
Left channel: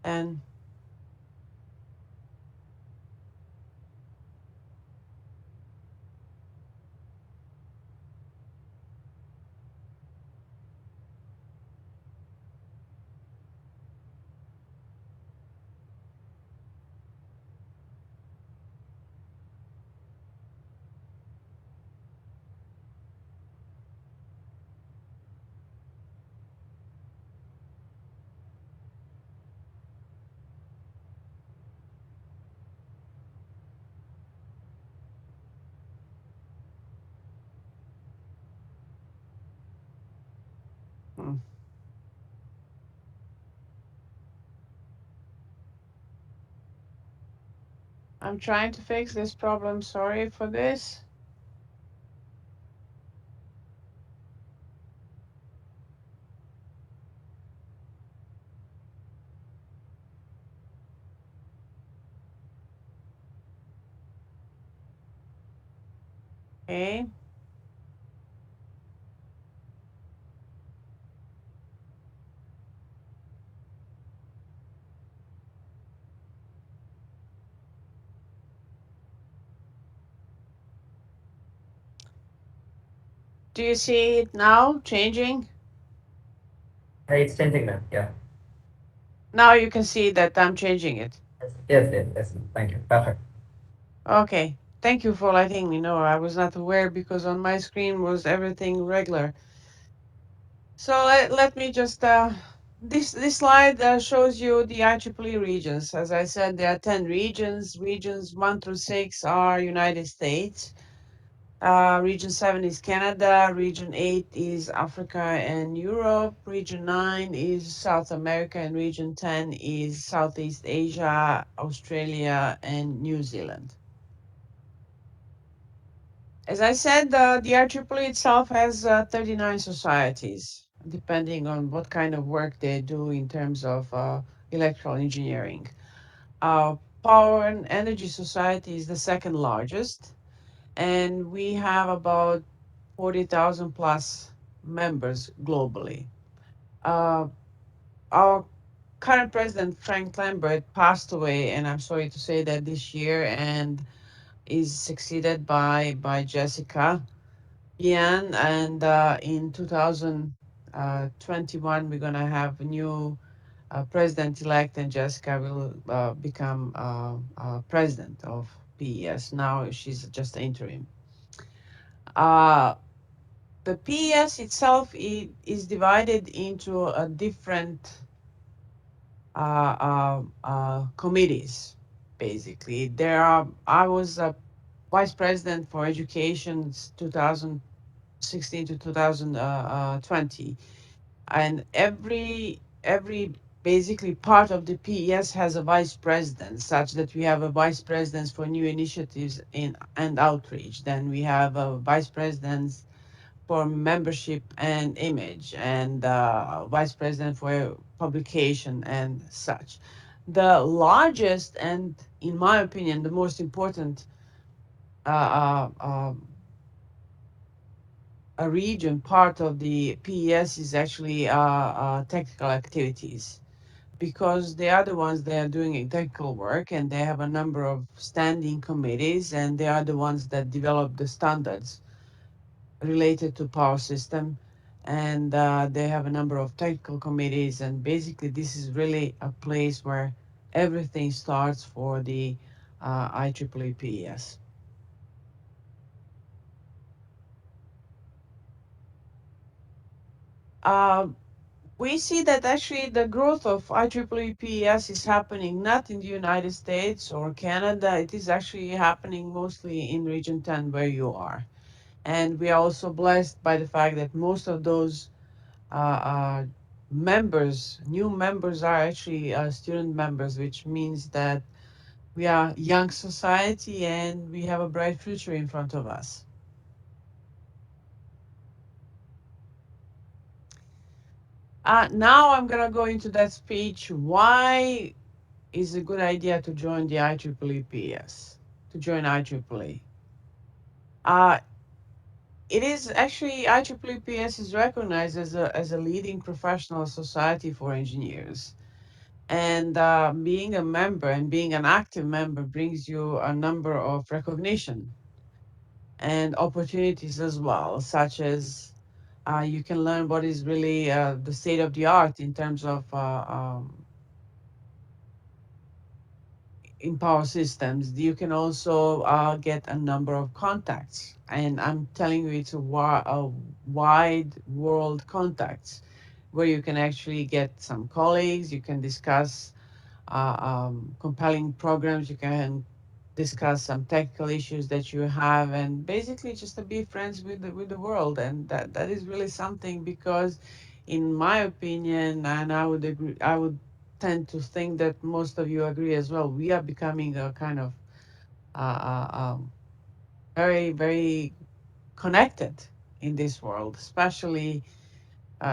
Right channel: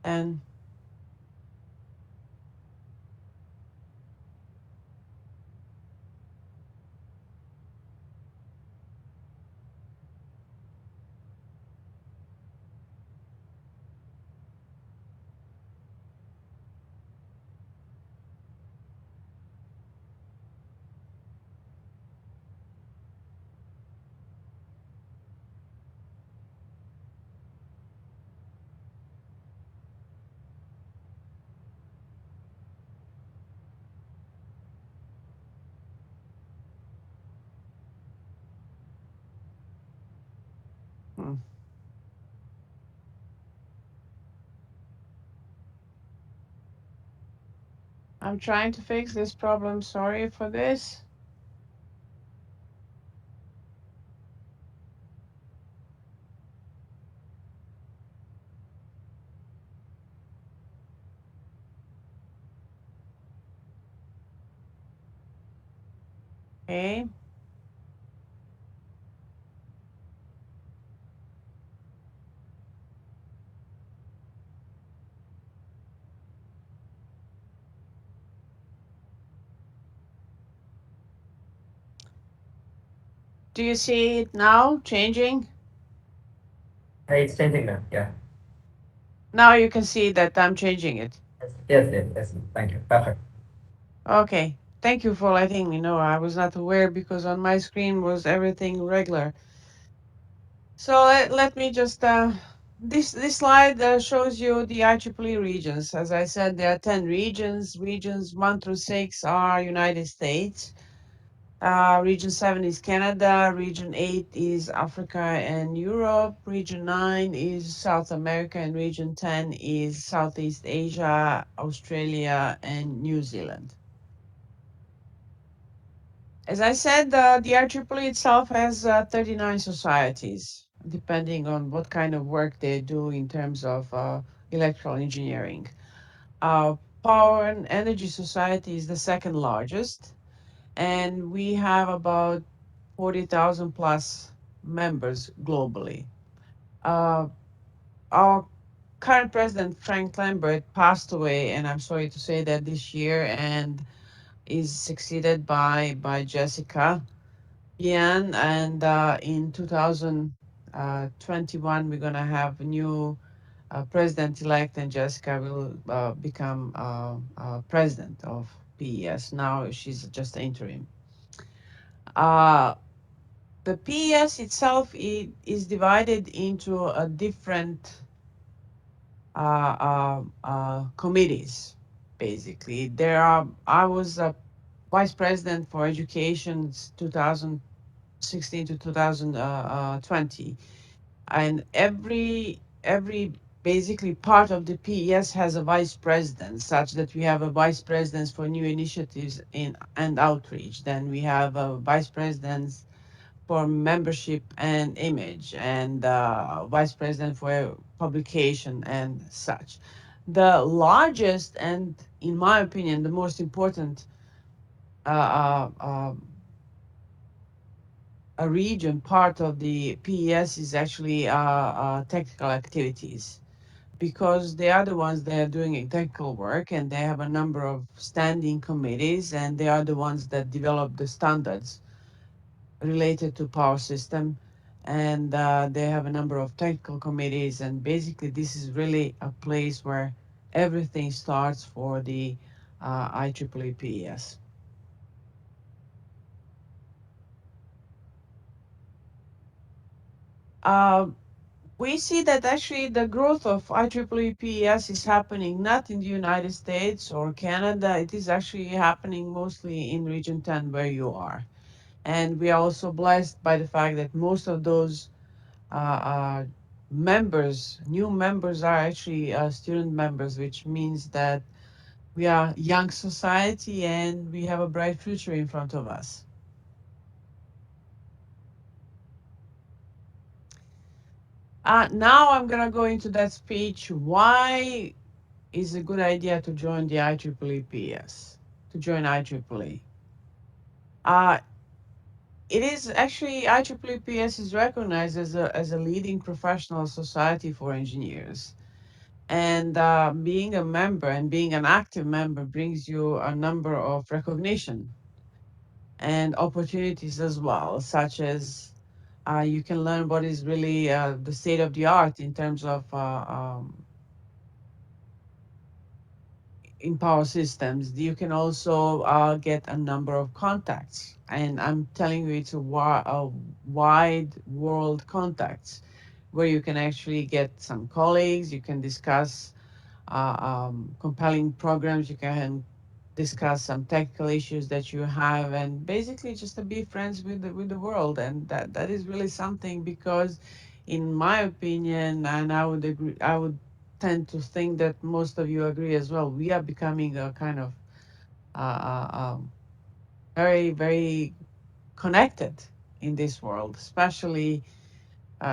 and hmm, I'm trying to fix this problem. Sorry for this. Okay. Do you see it now changing? It's changing, ma'am. Yeah. Now you can see that I'm changing it. Yes. Thank you. Perfect. Okay. Thank you for letting me know. I was not aware because on my screen was everything regular. So let me just this slide shows you the IEEE regions. As I said, there are 10 regions. Regions 1 through 6 are United States. Region 7 is Canada, Region 8 is Africa and Europe, Region 9 is South America, and Region 10 is Southeast Asia, Australia, and New Zealand. As I said, the IEEE itself has 39 societies, depending on what kind of work they do in terms of electrical engineering. Uh, Power and Energy Society is the second largest, and we have about 40,000 plus members globally. Uh, our current president, Frank Lambert, passed away, and I'm sorry to say that this year, and is succeeded by Jessica Yan. And in 2021, we're going to have a new president-elect, and Jessica will become president of PES. Now she's just interim. Uh, the PES itself is divided into a different committees. Basically, I was a vice president for education 2016 to 2020, and every basically part of the PES has a vice president, such that we have a vice president for new initiatives in and outreach. Then we have a vice president for membership and image, and vice president for publication and such. The largest and, in my opinion, the most important uh, uh, um, a region part of the PES is actually technical activities, because they are the ones that are doing technical work, and they have a number of standing committees, and they are the ones that develop the standards related to power system, and they have a number of technical committees, and basically this is really a place where everything starts for the IEEE PES. Uh, we see that actually the growth of IEEE PES is happening not in the United States or Canada. It is actually happening mostly in Region 10 where you are. And we are also blessed by the fact that most of those members, new members, are actually student members, which means that we are young society and we have a bright future in front of us. Now I'm gonna go into that speech. Why is a good idea to join the IEEE PS, to join IEEE? Uh, it is actually IEEE PS is recognized as a leading professional society for engineers. And being a member and being an active member brings you a number of recognition and opportunities as well, such as you can learn what is really the state of the art in terms of in power systems. You can also get a number of contacts, and I'm telling you, it's a wide world contacts where you can actually get some colleagues. You can discuss compelling programs. You can discuss some technical issues that you have, and basically just to be friends with the world. And that is really something, because in my opinion, and I would agree, I would tend to think that most of you agree as well, we are becoming a kind of very, very connected in this world, especially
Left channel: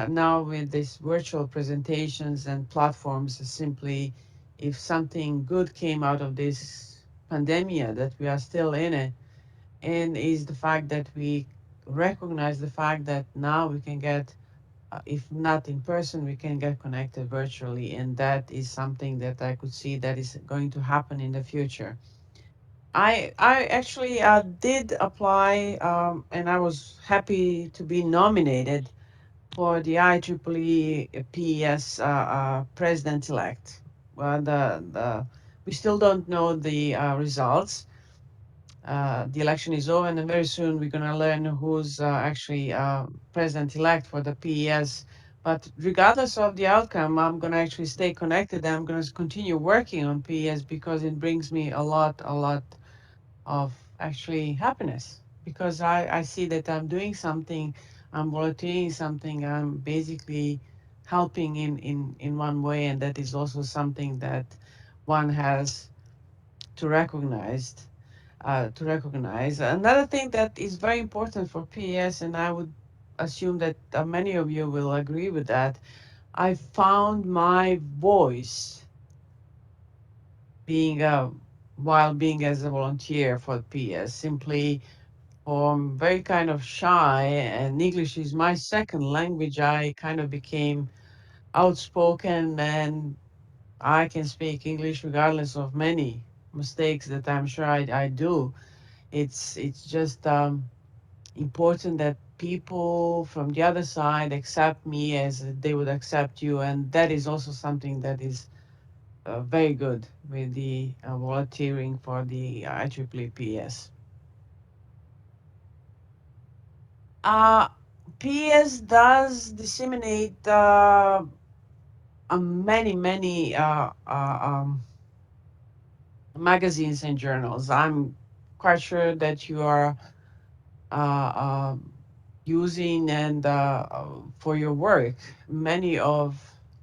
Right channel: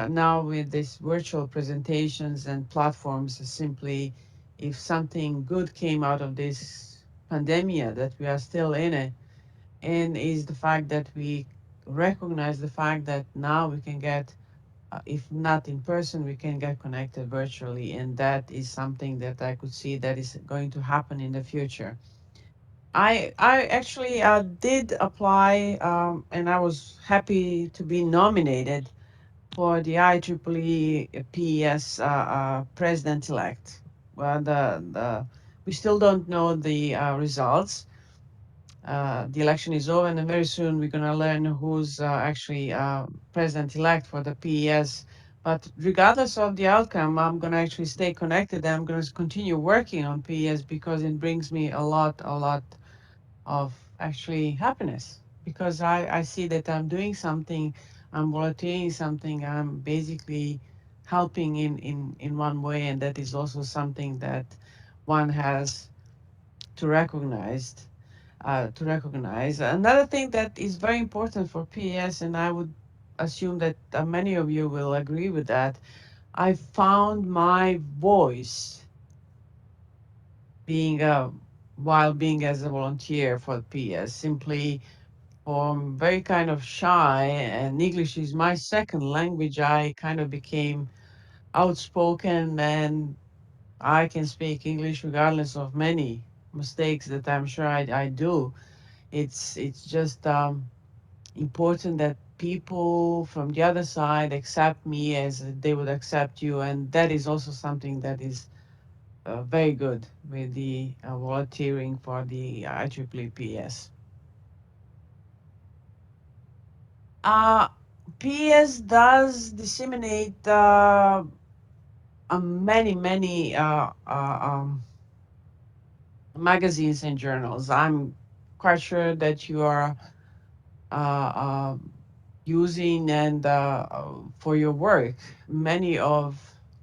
now with these virtual presentations and platforms. Simply, if something good came out of this pandemic that we are still in it, and is the fact that we recognize the fact that now we can get, if not in person, we can get connected virtually, and that is something that I could see that is going to happen in the future. I actually did apply, and I was happy to be nominated for the IEEE PES president-elect. Well, we still don't know the results. The election is over, and very soon we're going to learn who's actually president-elect for the PES. But regardless of the outcome, I'm going to actually stay connected. I'm going to continue working on PES because it brings me a lot of actually happiness, because I see that I'm doing something, I'm volunteering something, I'm basically helping in one way, and that is also something that one has to recognize. To recognize another thing that is very important for PS, and I would assume that many of you will agree with that. I found my voice being while being as a volunteer for PS. Simply, very kind of shy, and English is my second language, I kind of became outspoken, and I can speak English regardless of many mistakes that I'm sure I do. It's just important that people from the other side accept me as they would accept you, and that is also something that is very good with the volunteering for the IEEE PS. PES does disseminate many magazines and journals. I'm quite sure that you are uh, using and for your work many of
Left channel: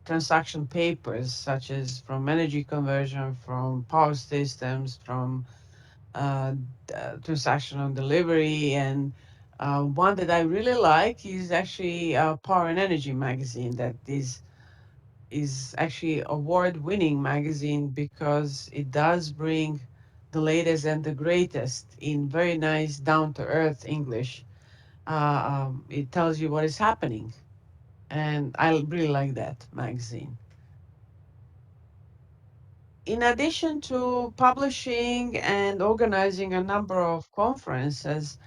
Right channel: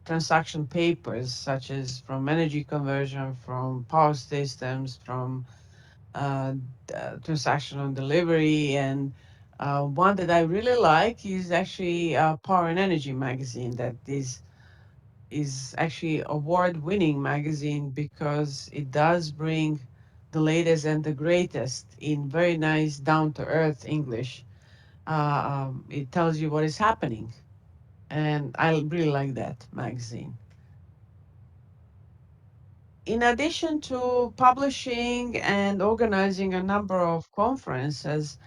transaction papers, such as from energy conversion, from power systems, from transactional delivery, and one that I really like is actually Power and Energy magazine. That is actually award-winning magazine because it does bring the latest and the greatest in very nice, down-to-earth English. It tells you what is happening, and I really like that magazine. In addition to publishing and organizing a number of conferences,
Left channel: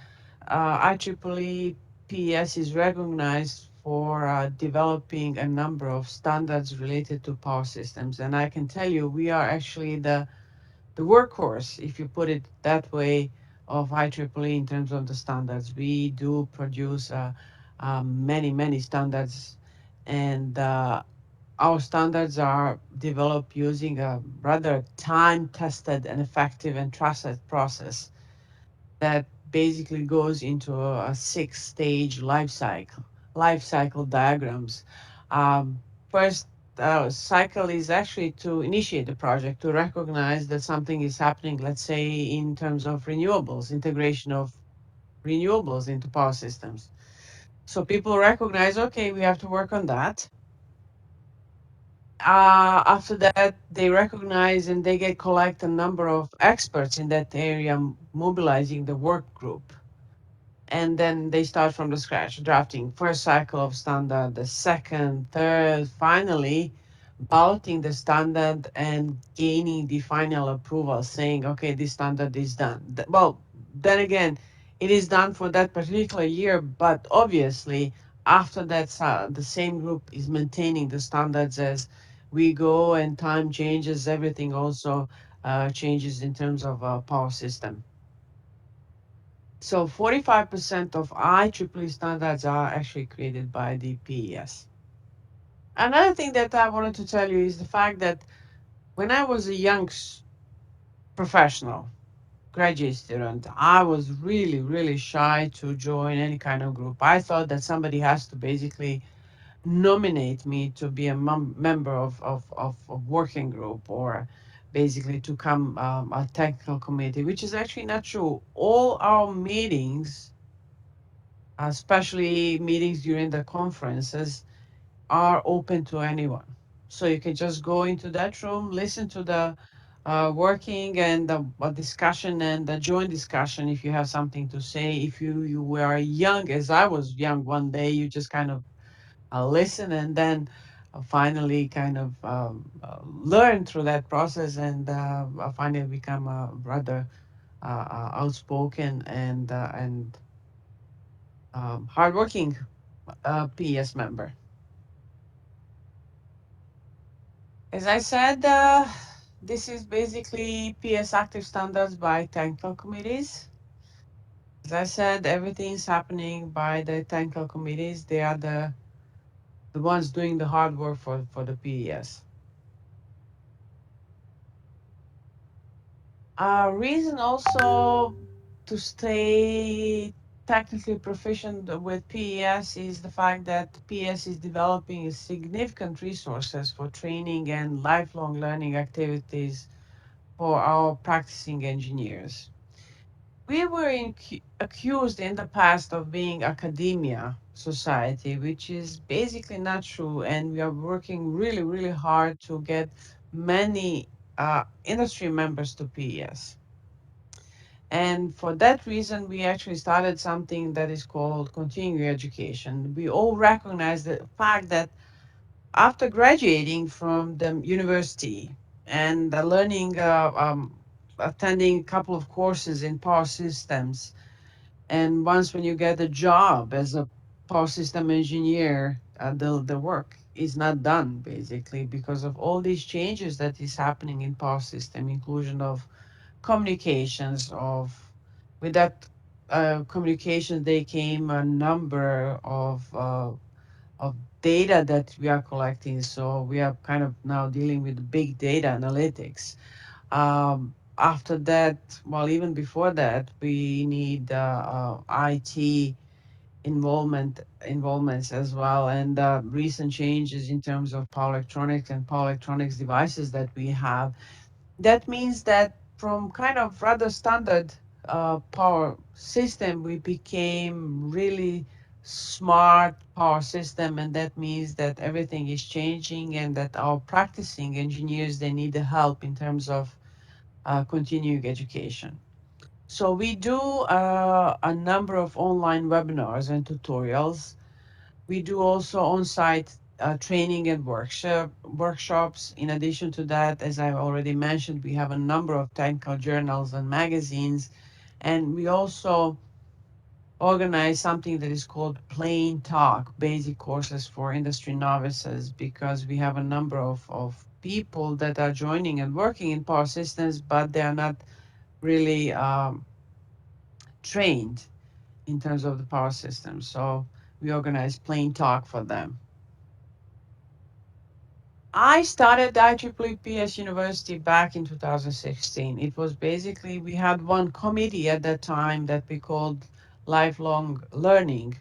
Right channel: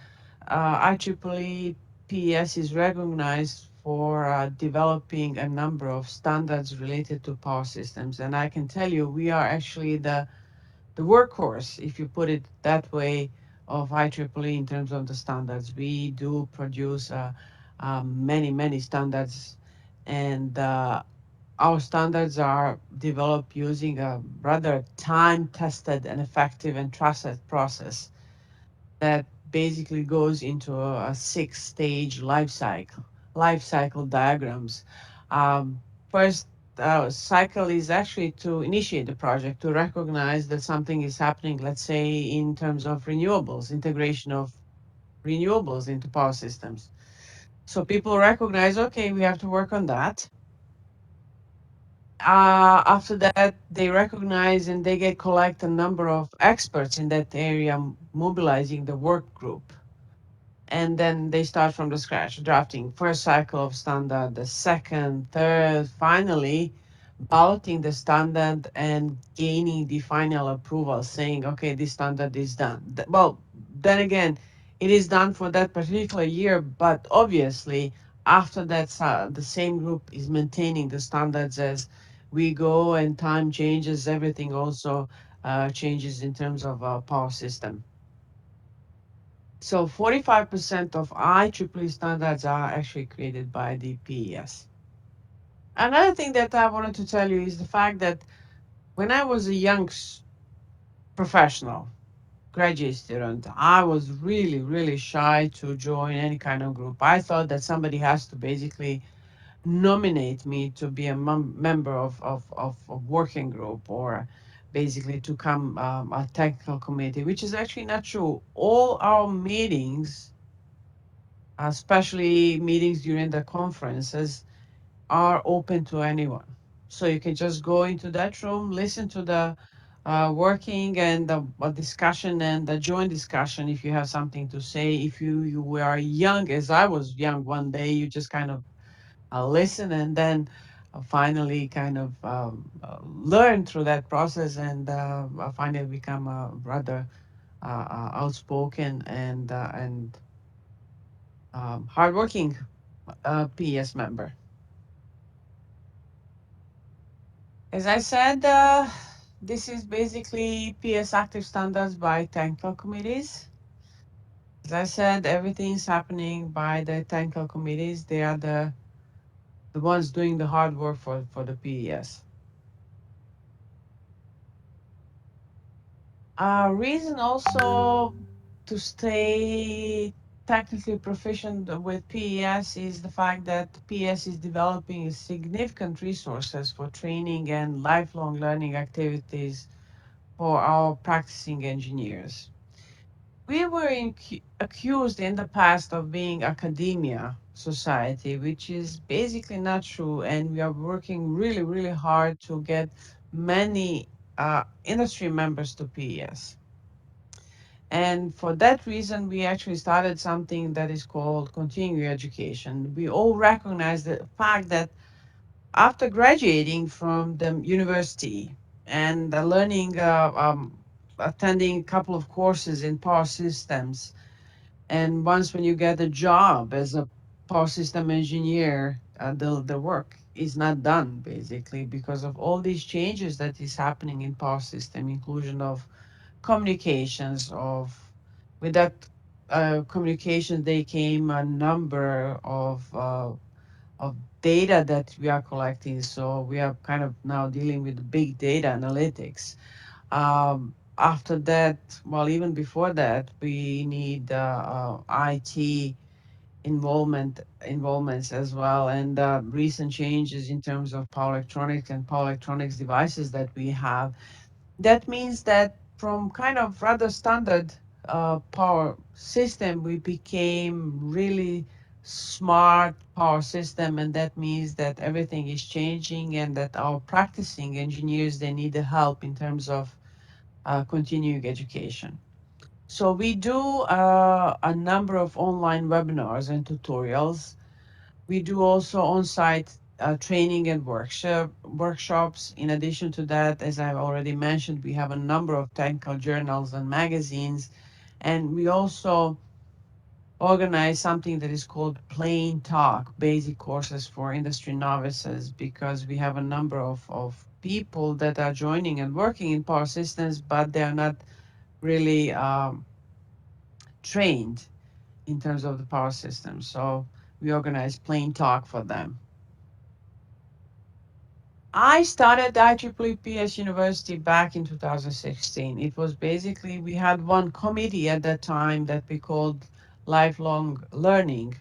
IEEE PES is recognized for developing a number of standards related to power systems. And I can tell you, we are actually the workhorse, if you put it that way, of IEEE in terms of the standards. We do produce many standards, and our standards are developed using a rather time-tested and effective and trusted process that basically goes into a six-stage life cycle diagrams. Um, First cycle is actually to initiate the project, to recognize that something is happening, let's say in terms of renewables, integration of renewables into power systems. So people recognize, okay, we have to work on that. After that, they recognize and they get collect a number of experts in that area, mobilizing the work group, and then they start from the scratch, drafting first cycle of standard, the second, third, finally balloting the standard and gaining the final approval, saying, okay, this standard is done. Well, then again, it is done for that particular year, but obviously after that, the same group is maintaining the standards as we go, and time changes, everything also changes in terms of power system. So 45% of IEEE standards are actually created by the PES. Another thing that I wanted to tell you is the fact that when I was a young professional, graduate student, I was really shy to join any kind of group. I thought that somebody has to basically nominate me to be a member of working group, or basically to come a technical committee, which is actually not true. All our meetings, especially meetings during the conferences, are open to anyone. So you can just go into that room, listen to the working and the discussion and the joint discussion if you have something to say. If you were young, as I was young one day, you just kind of listen, and then finally kind of learn through that process, and finally become a rather outspoken and hardworking PS member. As I said, this is basically PS active standards by technical committees. As I said, everything is happening by the technical committees. They are the ones doing the hard work for the PES. Reason also to stay technically proficient with PES is the fact that PES is developing significant resources for training and lifelong learning activities for our practicing engineers. We were accused in the past of being academia society, which is basically not true, and we are working really hard to get many industry members to PES. And for that reason, we actually started something that is called continuing education. We all recognize the fact that after graduating from the university and learning, attending a couple of courses in power systems, and once when you get a job as a power system engineer, the work is not done basically because of all these changes that is happening in power system, inclusion of communications, of with that communication, they came a number of data that we are collecting. So we are kind of now dealing with big data analytics. After that, well, even before that, we need IT involvements as well, and recent changes in terms of power electronics and power electronics devices that we have. That means that from kind of rather standard power system, we became really smart power system, and that means that everything is changing and that our practicing engineers, they need the help in terms of continuing education. So we do a number of online webinars and tutorials. We do also on-site training and workshops. In addition to that, as I already mentioned, we have a number of technical journals and magazines, and we also organize something that is called Plain Talk, basic courses for industry novices, because we have a number of people that are joining and working in power systems, but they are not really trained in terms of the power system. So we organize Plain Talk for them. I started IEEE PES University back in 2016. It was basically, we had one committee at that time that we called Lifelong Learning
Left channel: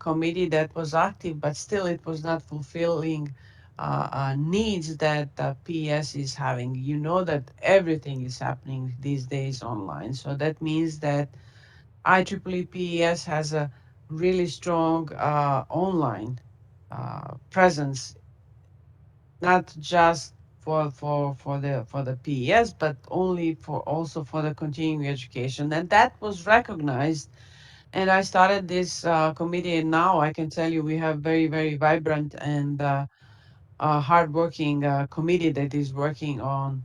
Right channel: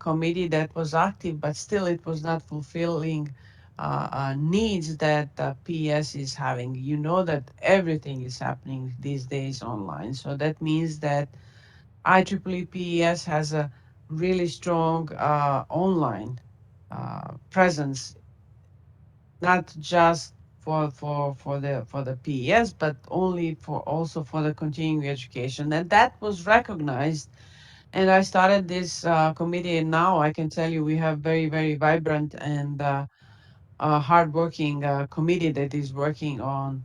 Committee that was active, but still it was not fulfilling needs that PES is having. You know that everything is happening these days online. So that means that IEEE PES has a really strong online presence, not just for the PES, but only for also for the continuing education, and that was recognized. And I started this committee, and now I can tell you we have very vibrant and hardworking committee that is working on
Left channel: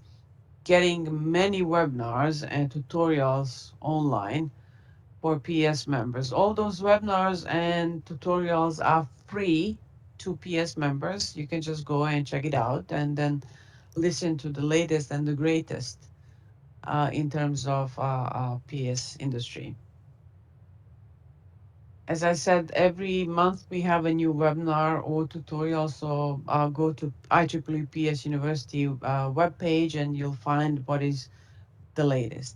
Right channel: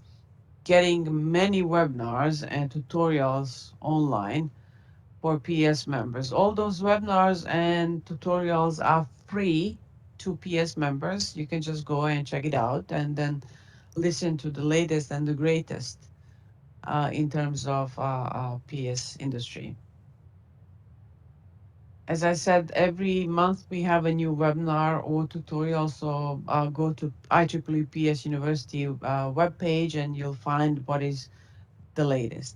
getting many webinars and tutorials online for PS members. All those webinars and tutorials are free to PS members. You can just go and check it out and then listen to the latest and the greatest in terms of PS industry. As I said, every month we have a new webinar or tutorial. So go to IEEE PS University webpage and you'll find what is the latest.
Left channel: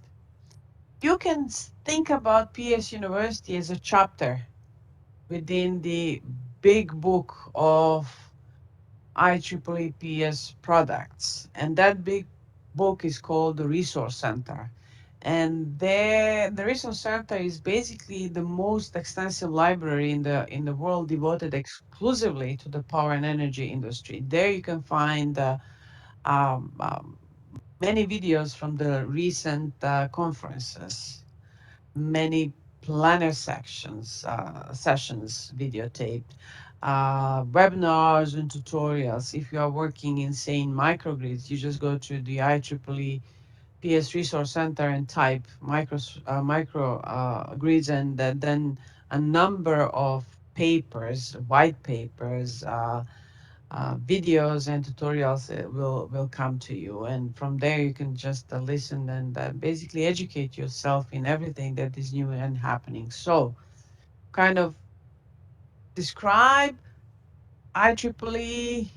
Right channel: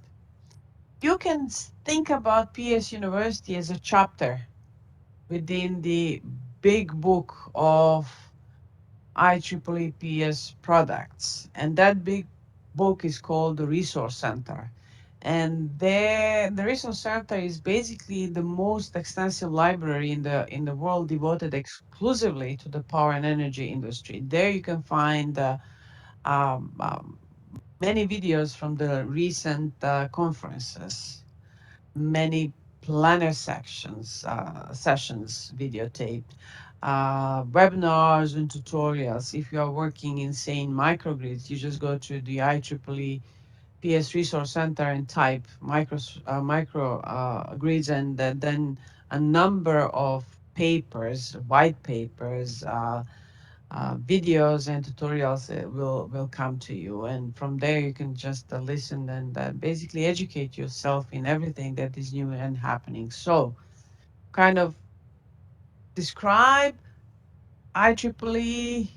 You can think about PS University as a chapter within the big book of IEEE PS products. And that big book is called the Resource Center. And there, the Resource Center is basically the most extensive library in the world devoted exclusively to the power and energy industry. There you can find um, um, many videos from the recent conferences, many planner sessions videotaped, webinars and tutorials. If you are working in, say, in microgrids, you just go to the IEEE PS Resource Center and type micro grids, and then a number of papers, white papers, videos and tutorials will come to you, and from there you can just listen and basically educate yourself in everything that is new and happening. So kind of describe IEEE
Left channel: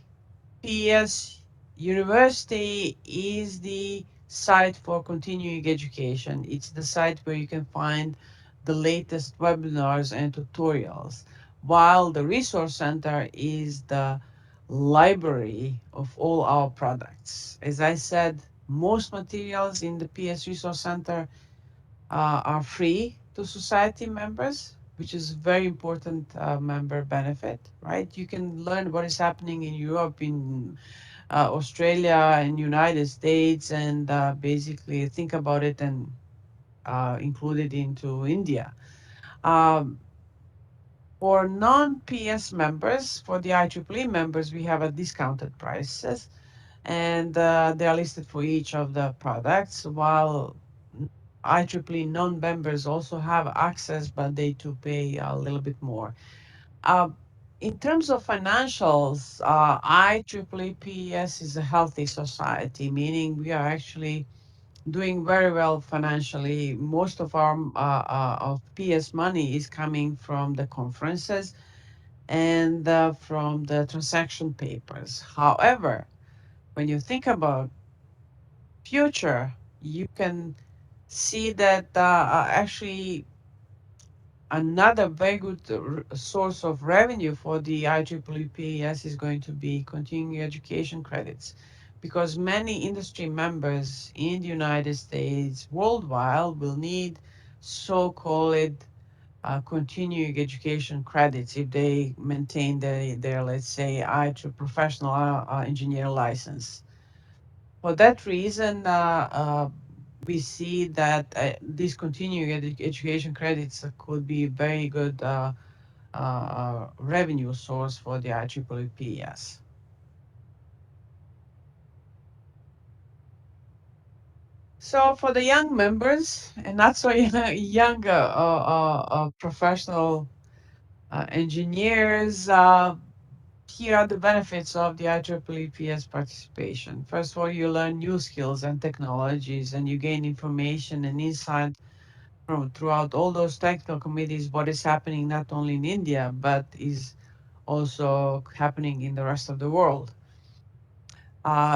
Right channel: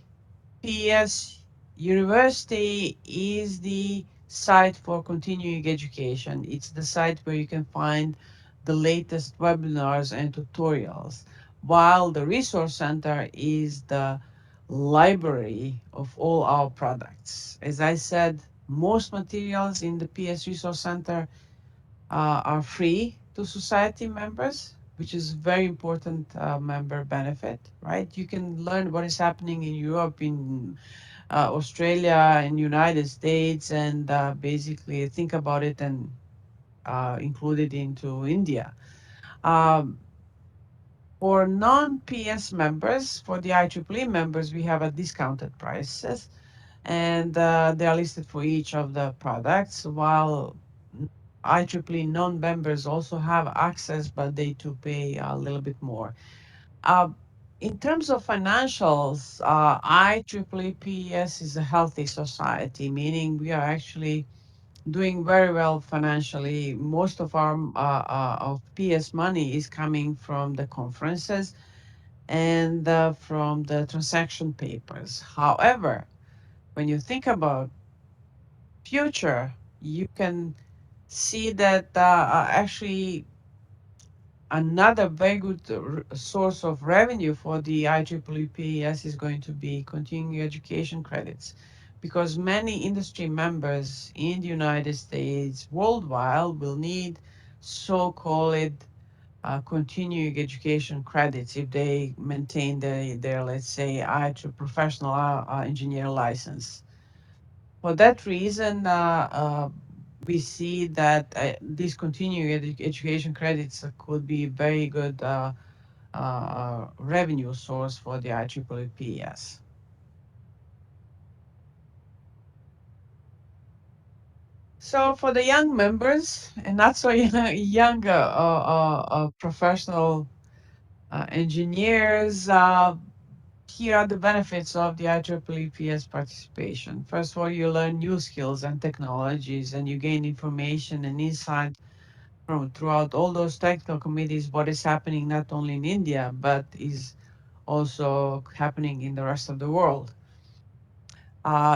PS University is the site for continuing education. It's the site where you can find the latest webinars and tutorials, while the Resource Center is the library of all our products. As I said, most materials in the PS Resource Center are free to society members, which is very important member benefit, right? You can learn what is happening in Europe, in Australia, and United States, and basically think about it and include it into India. Um, for non-PS members, for the IEEE members, we have a discounted prices, and they are listed for each of the products, while IEEE non-members also have access, but they to pay a little bit more. Uh, in terms of financials, IEEE PES is a healthy society, meaning we are actually doing very well financially. Most of our of PS money is coming from the conferences and from the transaction papers. However, when you think about future, you can see that actually another very good source of revenue for the IEEE PES is going to be continuing education credits, because many industry members in the United States, worldwide, will need so-called continuing education credits if they maintain their, let's say, IEEE professional engineer license. For that reason, we see that these continuing education credits could be very good revenue source for the IEEE PES. So for the young members and not so young professional engineers, here are the benefits of the IEEE PS participation. First of all, you learn new skills and technologies, and you gain information and insight from throughout all those technical committees, what is happening not only in India, but is also happening in the rest of the world.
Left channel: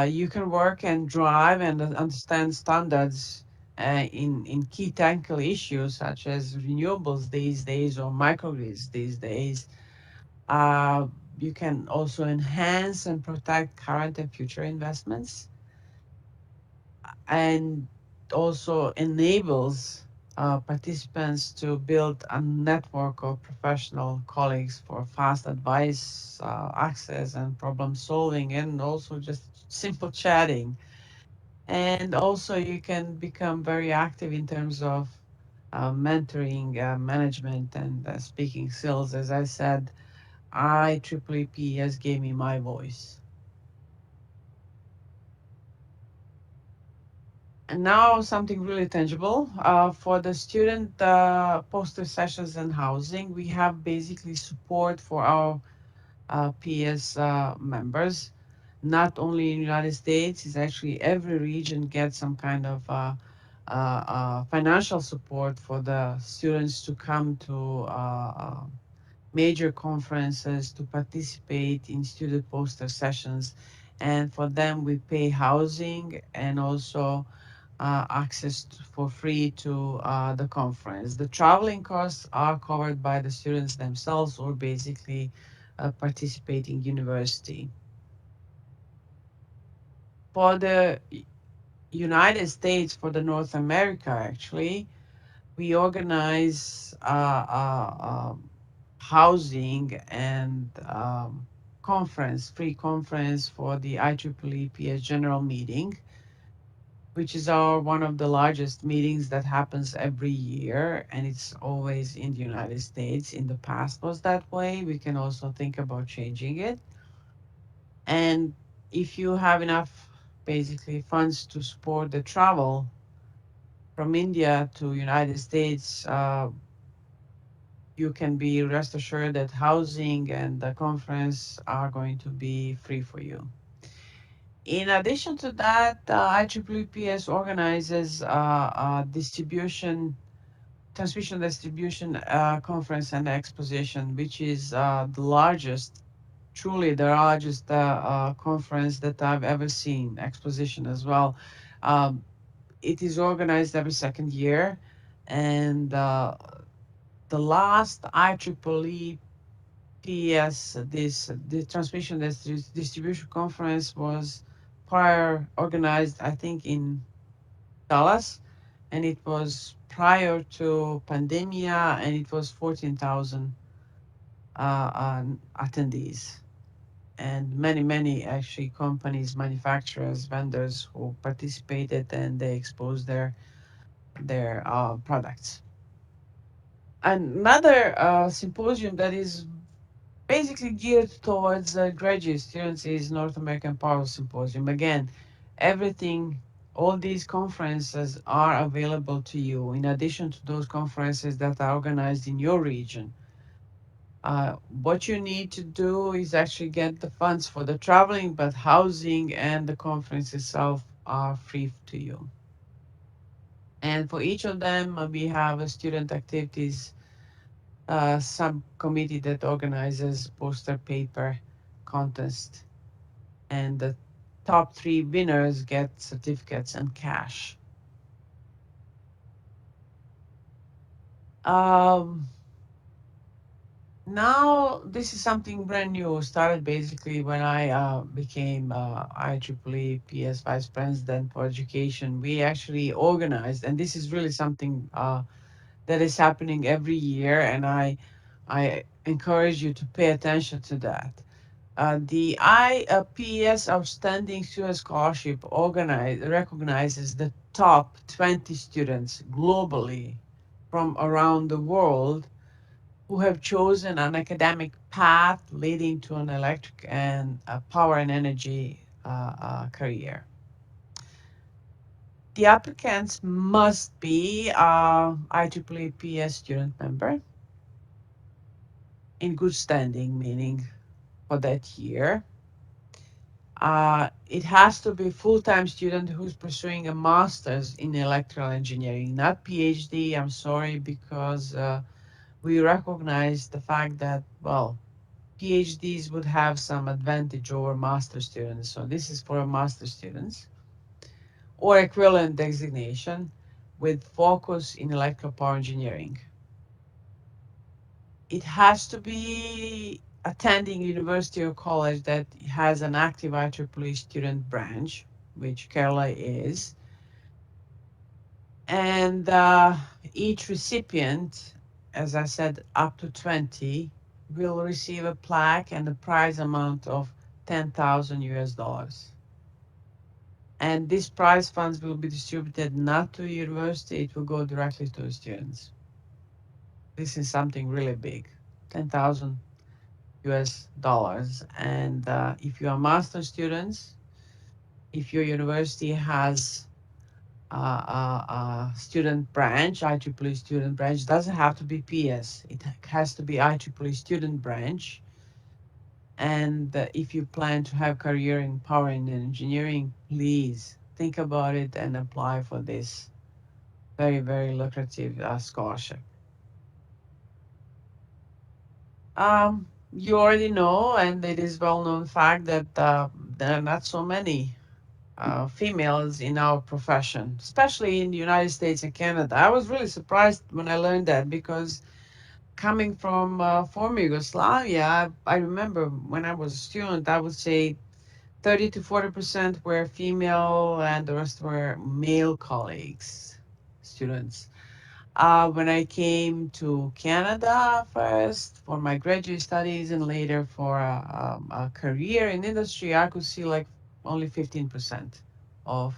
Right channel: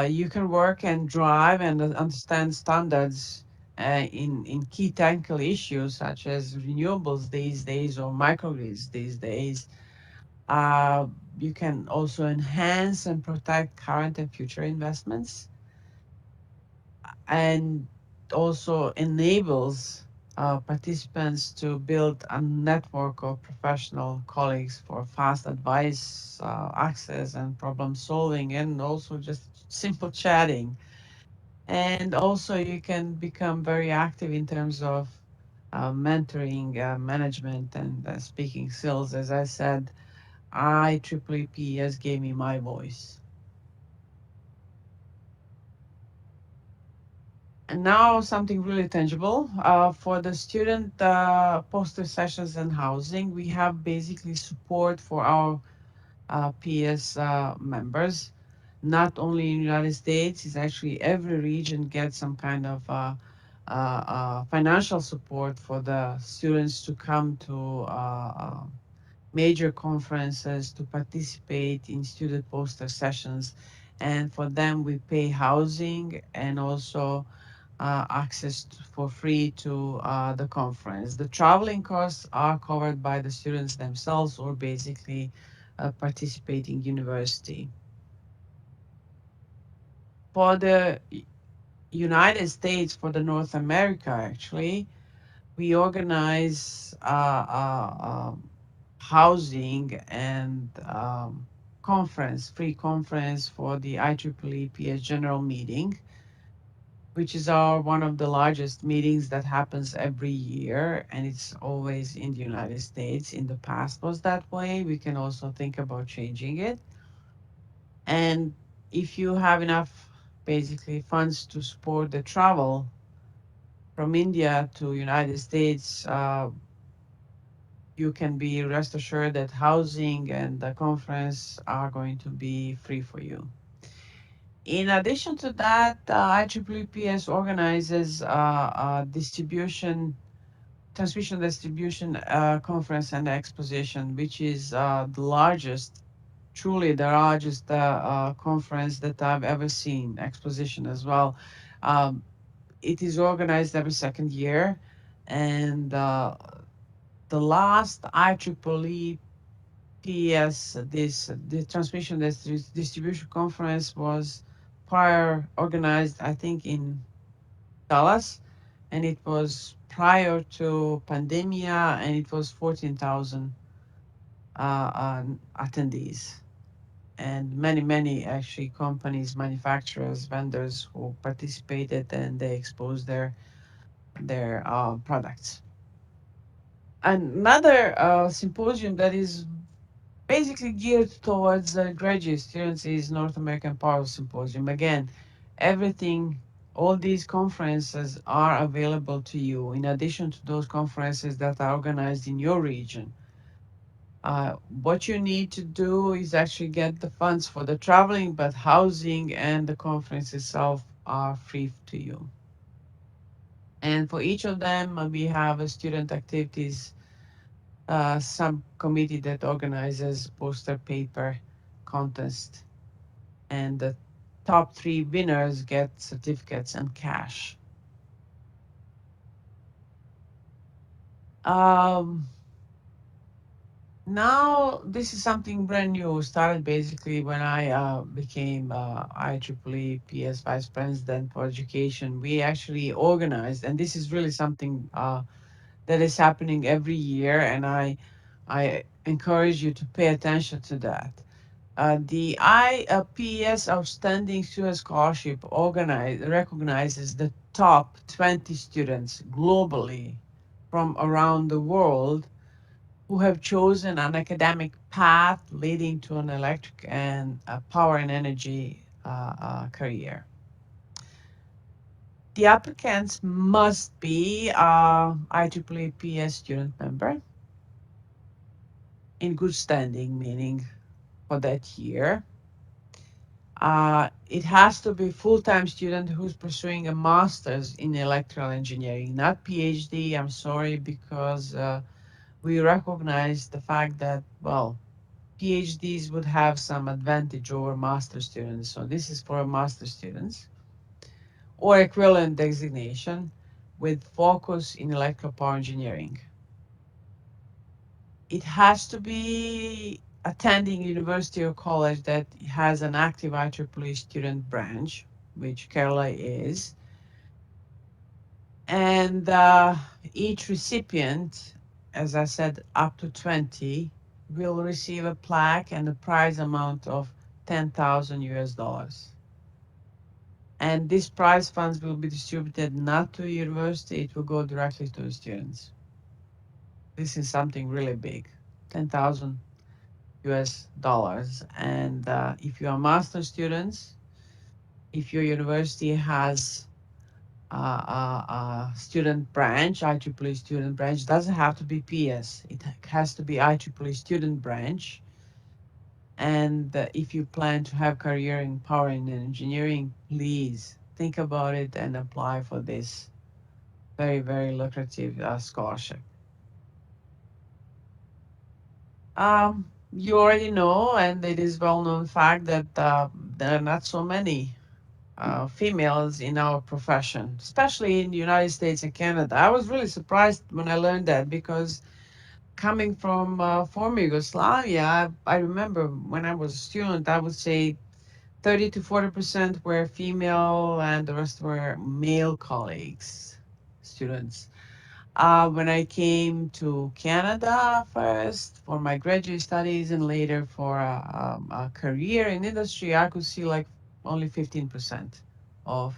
You can work and drive and understand standards in key technical issues such as renewables these days or microgrids these days. Uh, you can also enhance and protect current and future investments, and also enables participants to build a network of professional colleagues for fast advice, access, and problem solving, and also just simple chatting. And also, you can become very active in terms of mentoring, management, and speaking skills. As I said, IEEE has gave me my voice. And now something really tangible. For the student poster sessions and housing, we have basically support for our PS members. Not only in the United States, it's actually every region gets some kind of financial support for the students to come to major conferences, to participate in student poster sessions. And for them, we pay housing and also access for free to the conference. The traveling costs are covered by the students themselves or basically participating university. For the United States, for the North America, actually, we organize housing and free conference for the IEEE PS General Meeting, which is our one of the largest meetings that happens every year, and it's always in the United States. In the past was that way. We can also think about changing it. And if you have enough basically funds to support the travel from India to United States, you can be rest assured that housing and the conference are going to be free for you. In addition to that, IEEE PS organizes transmission distribution conference and exposition, which is the largest, truly the largest conference that I've ever seen, exposition as well. Um, it is organized every second year, and the last IEEE PES, the transmission distribution conference was prior organized, I think, in Dallas, and it was prior to pandemia, and it was 14,000 attendees, and many actually companies, manufacturers, vendors who participated, and they exposed their products. Another symposium that is basically geared towards graduate students is North American Power Symposium. Again, everything, all these conferences are available to you in addition to those conferences that are organized in your region. What you need to do is actually get the funds for the traveling, but housing and the conference itself are free to you. And for each of them, we have a student activities subcommittee that organizes poster paper contest. And the top three winners get certificates and cash. Um, Now, this is something brand new. Started basically when I became IEEE PS Vice President for Education. We actually organized, and this is really something that is happening every year, and I encourage you to pay attention to that. The IPS Outstanding Student Scholarship recognizes the top 20 students globally from around the world who have chosen an academic path leading to an electric and power and energy career. The applicants must be IEEE PS student member in good standing, meaning for that year. It has to be full-time student who's pursuing a master's in electrical engineering, not PhD. I'm sorry, because we recognize the fact that, well, PhDs would have some advantage over master students. So this is for master students or equivalent designation with focus in electrical power engineering. It has to be attending university or college that has an active IEEE student branch, which Kerala is. And each recipient, as I said, up to 20, will receive a plaque and a prize amount of 10,000 US dollars. And these prize funds will be distributed not to a university, it will go directly to the students. This is something really big, 10,000 US dollars. And if you are master students, if your university has student branch, IEEE student branch, doesn't have to be PS. It has to be IEEE student branch. And if you plan to have career in power and engineering, please think about it and apply for this very, very lucrative scholarship. You already know, and it is well-known fact that there are not so many females in our profession, especially in the United States and Canada. I was really surprised when I learned that because coming from former Yugoslavia, I remember when I was a student, I would say 30 to 40% were female and the rest were male colleagues, students. When I came to Canada first for my graduate studies and later for a career in industry, I could see like only 15% of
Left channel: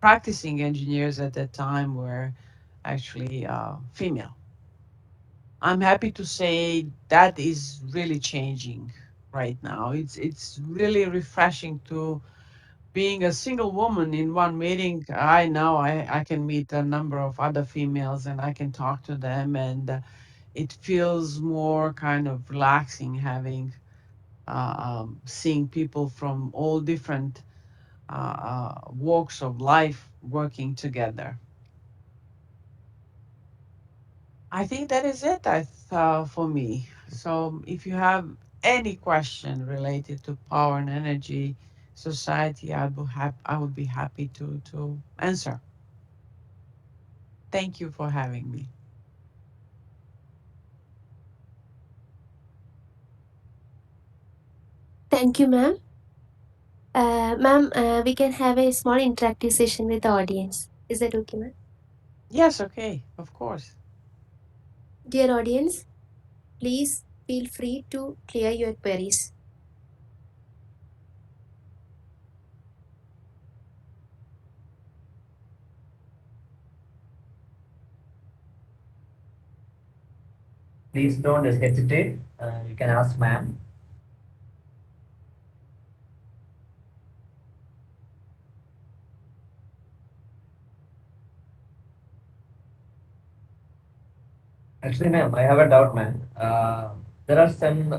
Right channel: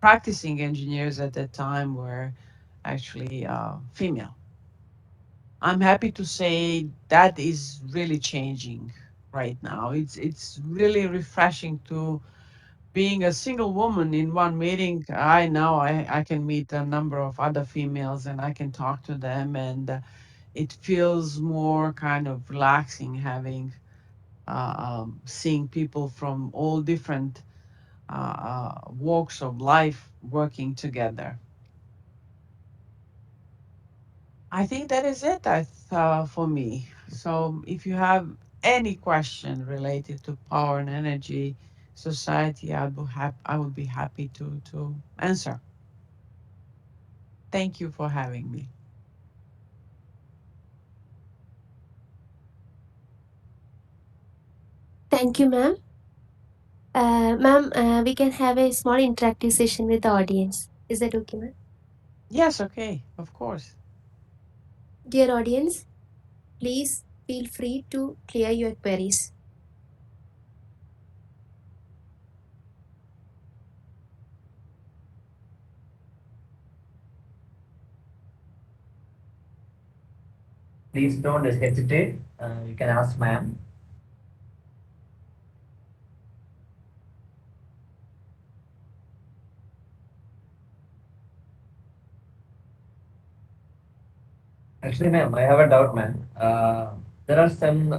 practicing engineers at that time were actually female. I'm happy to say that is really changing right now. It's really refreshing to being a single woman in one meeting. I know I can meet a number of other females and I can talk to them, and it feels more kind of relaxing having seeing people from all different walks of life working together. I think that is it for me. So if you have any question related to power and energy society, I would be happy to answer. Thank you for having me. Thank you, ma'am. Ma'am, we can have a small interactive session with the audience. Is that okay, ma'am? Yes, okay, of course. Dear audience, please feel free to clear your queries. Please don't hesitate. You can ask ma'am. Actually, ma'am, I have a doubt, ma'am. There are some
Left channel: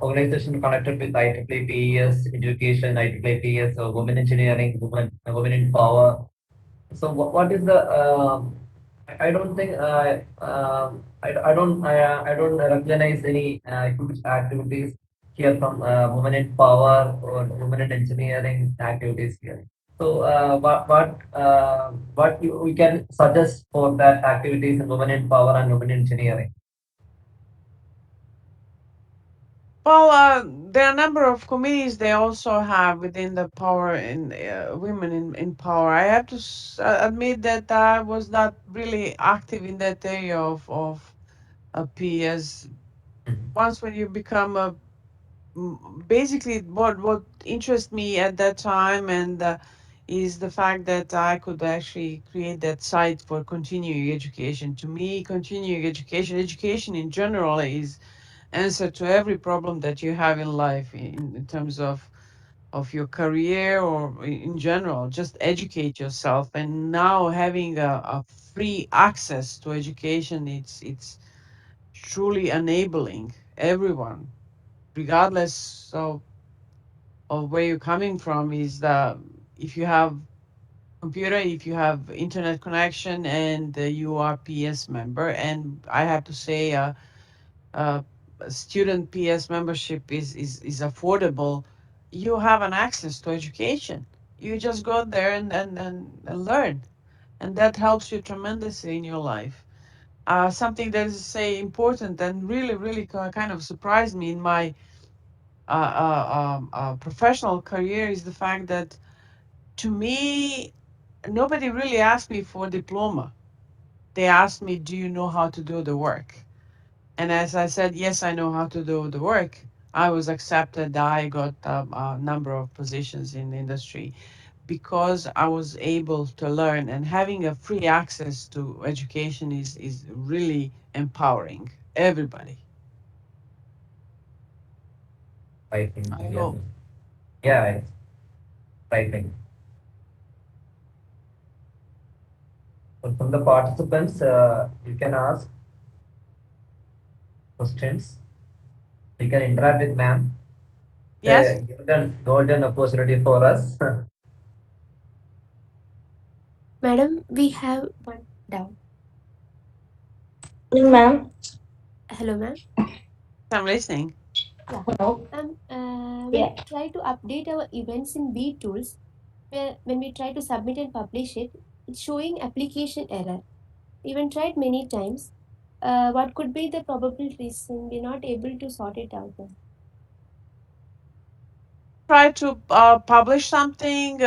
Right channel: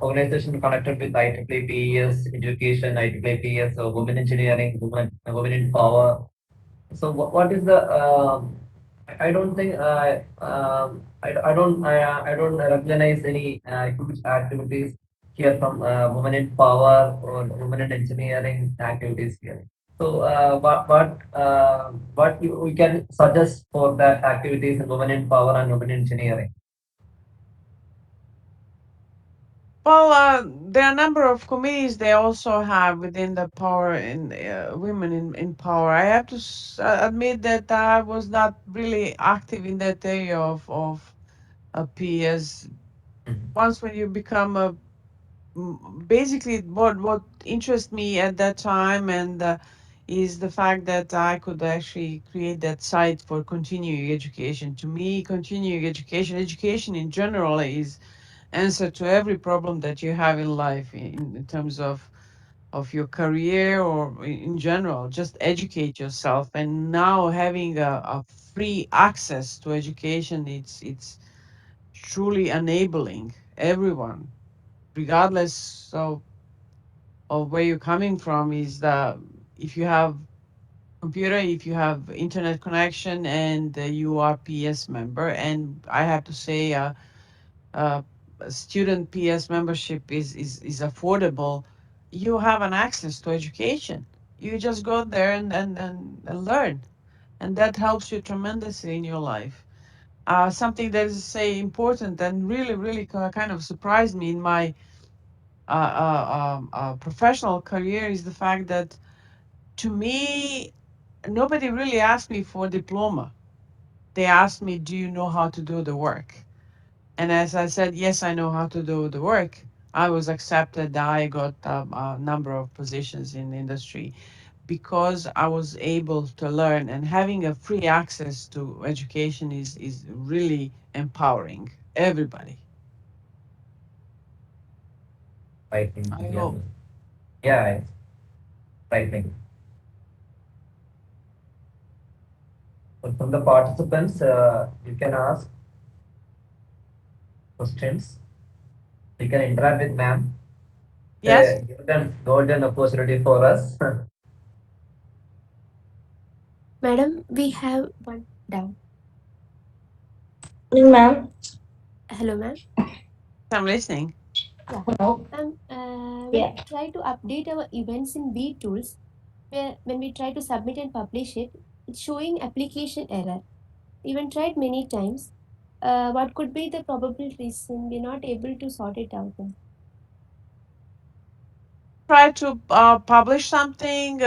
organizations connected with IEEE PES Education, IEEE PES Women Engineering, Women in Power. So what is the I don't think I don't recognize any huge activities here from women in power or women in engineering activities here. So what we can suggest for that activities in women in power and women in engineering? Well, there are a number of committees they also have within the power in women in power. I have to admit that I was not really active in that area of PS. Mhm. Once when you become a basically what interests me at that time and is the fact that I could actually create that site for continuing education. To me, continuing education in general is answer to every problem that you have in life in terms of your career or in general. Just educate yourself. And now having a free access to education, it's truly enabling everyone regardless of where you're coming from. Is the if you have computer, if you have internet connection, and you are PS member. And I have to say uh, student PS membership is affordable. You have an access to education. You just go there and learn, and that helps you tremendously in your life. Something that is say important and really kind of surprised me in my professional career is the fact that to me nobody really asked me for diploma. They asked me, do you know how to do the work? And as I said, yes, I know how to do the work. I was accepted. I got a number of positions in the industry because I was able to learn, and having a free access to education is really empowering everybody. I think I yeah, hope. yeah, I think. But from the participants, you can ask questions. You can interact with ma'am. Yes, Golden opportunity for us. Madam, we have one down. Ma'am. Hello, ma'am. I'm listening. Yeah. Hello. When Yeah. we try to update our events in B tools, when we try to submit and publish it, it's showing application error. Even tried many times. What could be the probable reason we're not able to sort it out? Ma'am? Try to publish something.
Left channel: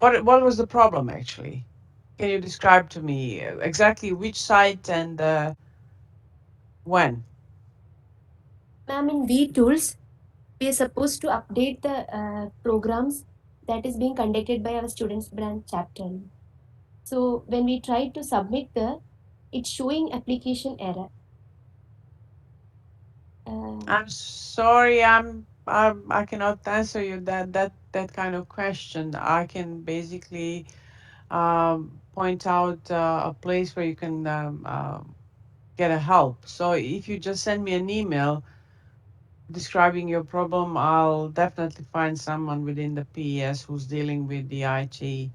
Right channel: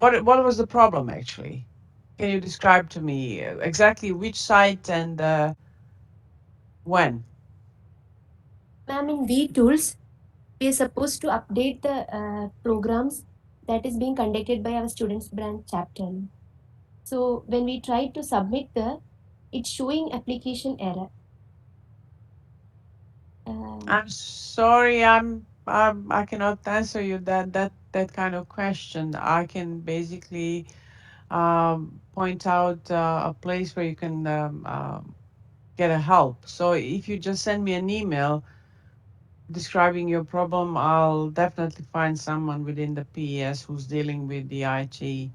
What was the problem actually? Can you describe to me exactly which site and when? Ma'am, in B tools, we're supposed to update the programs that is being conducted by our students branch chapter. So when we try to submit it's showing application error. I'm sorry, I cannot answer you that kind of question. I can basically point out a place where you can get a help. So if you just send me an email describing your problem, I'll definitely find someone within the PES who's dealing with the IT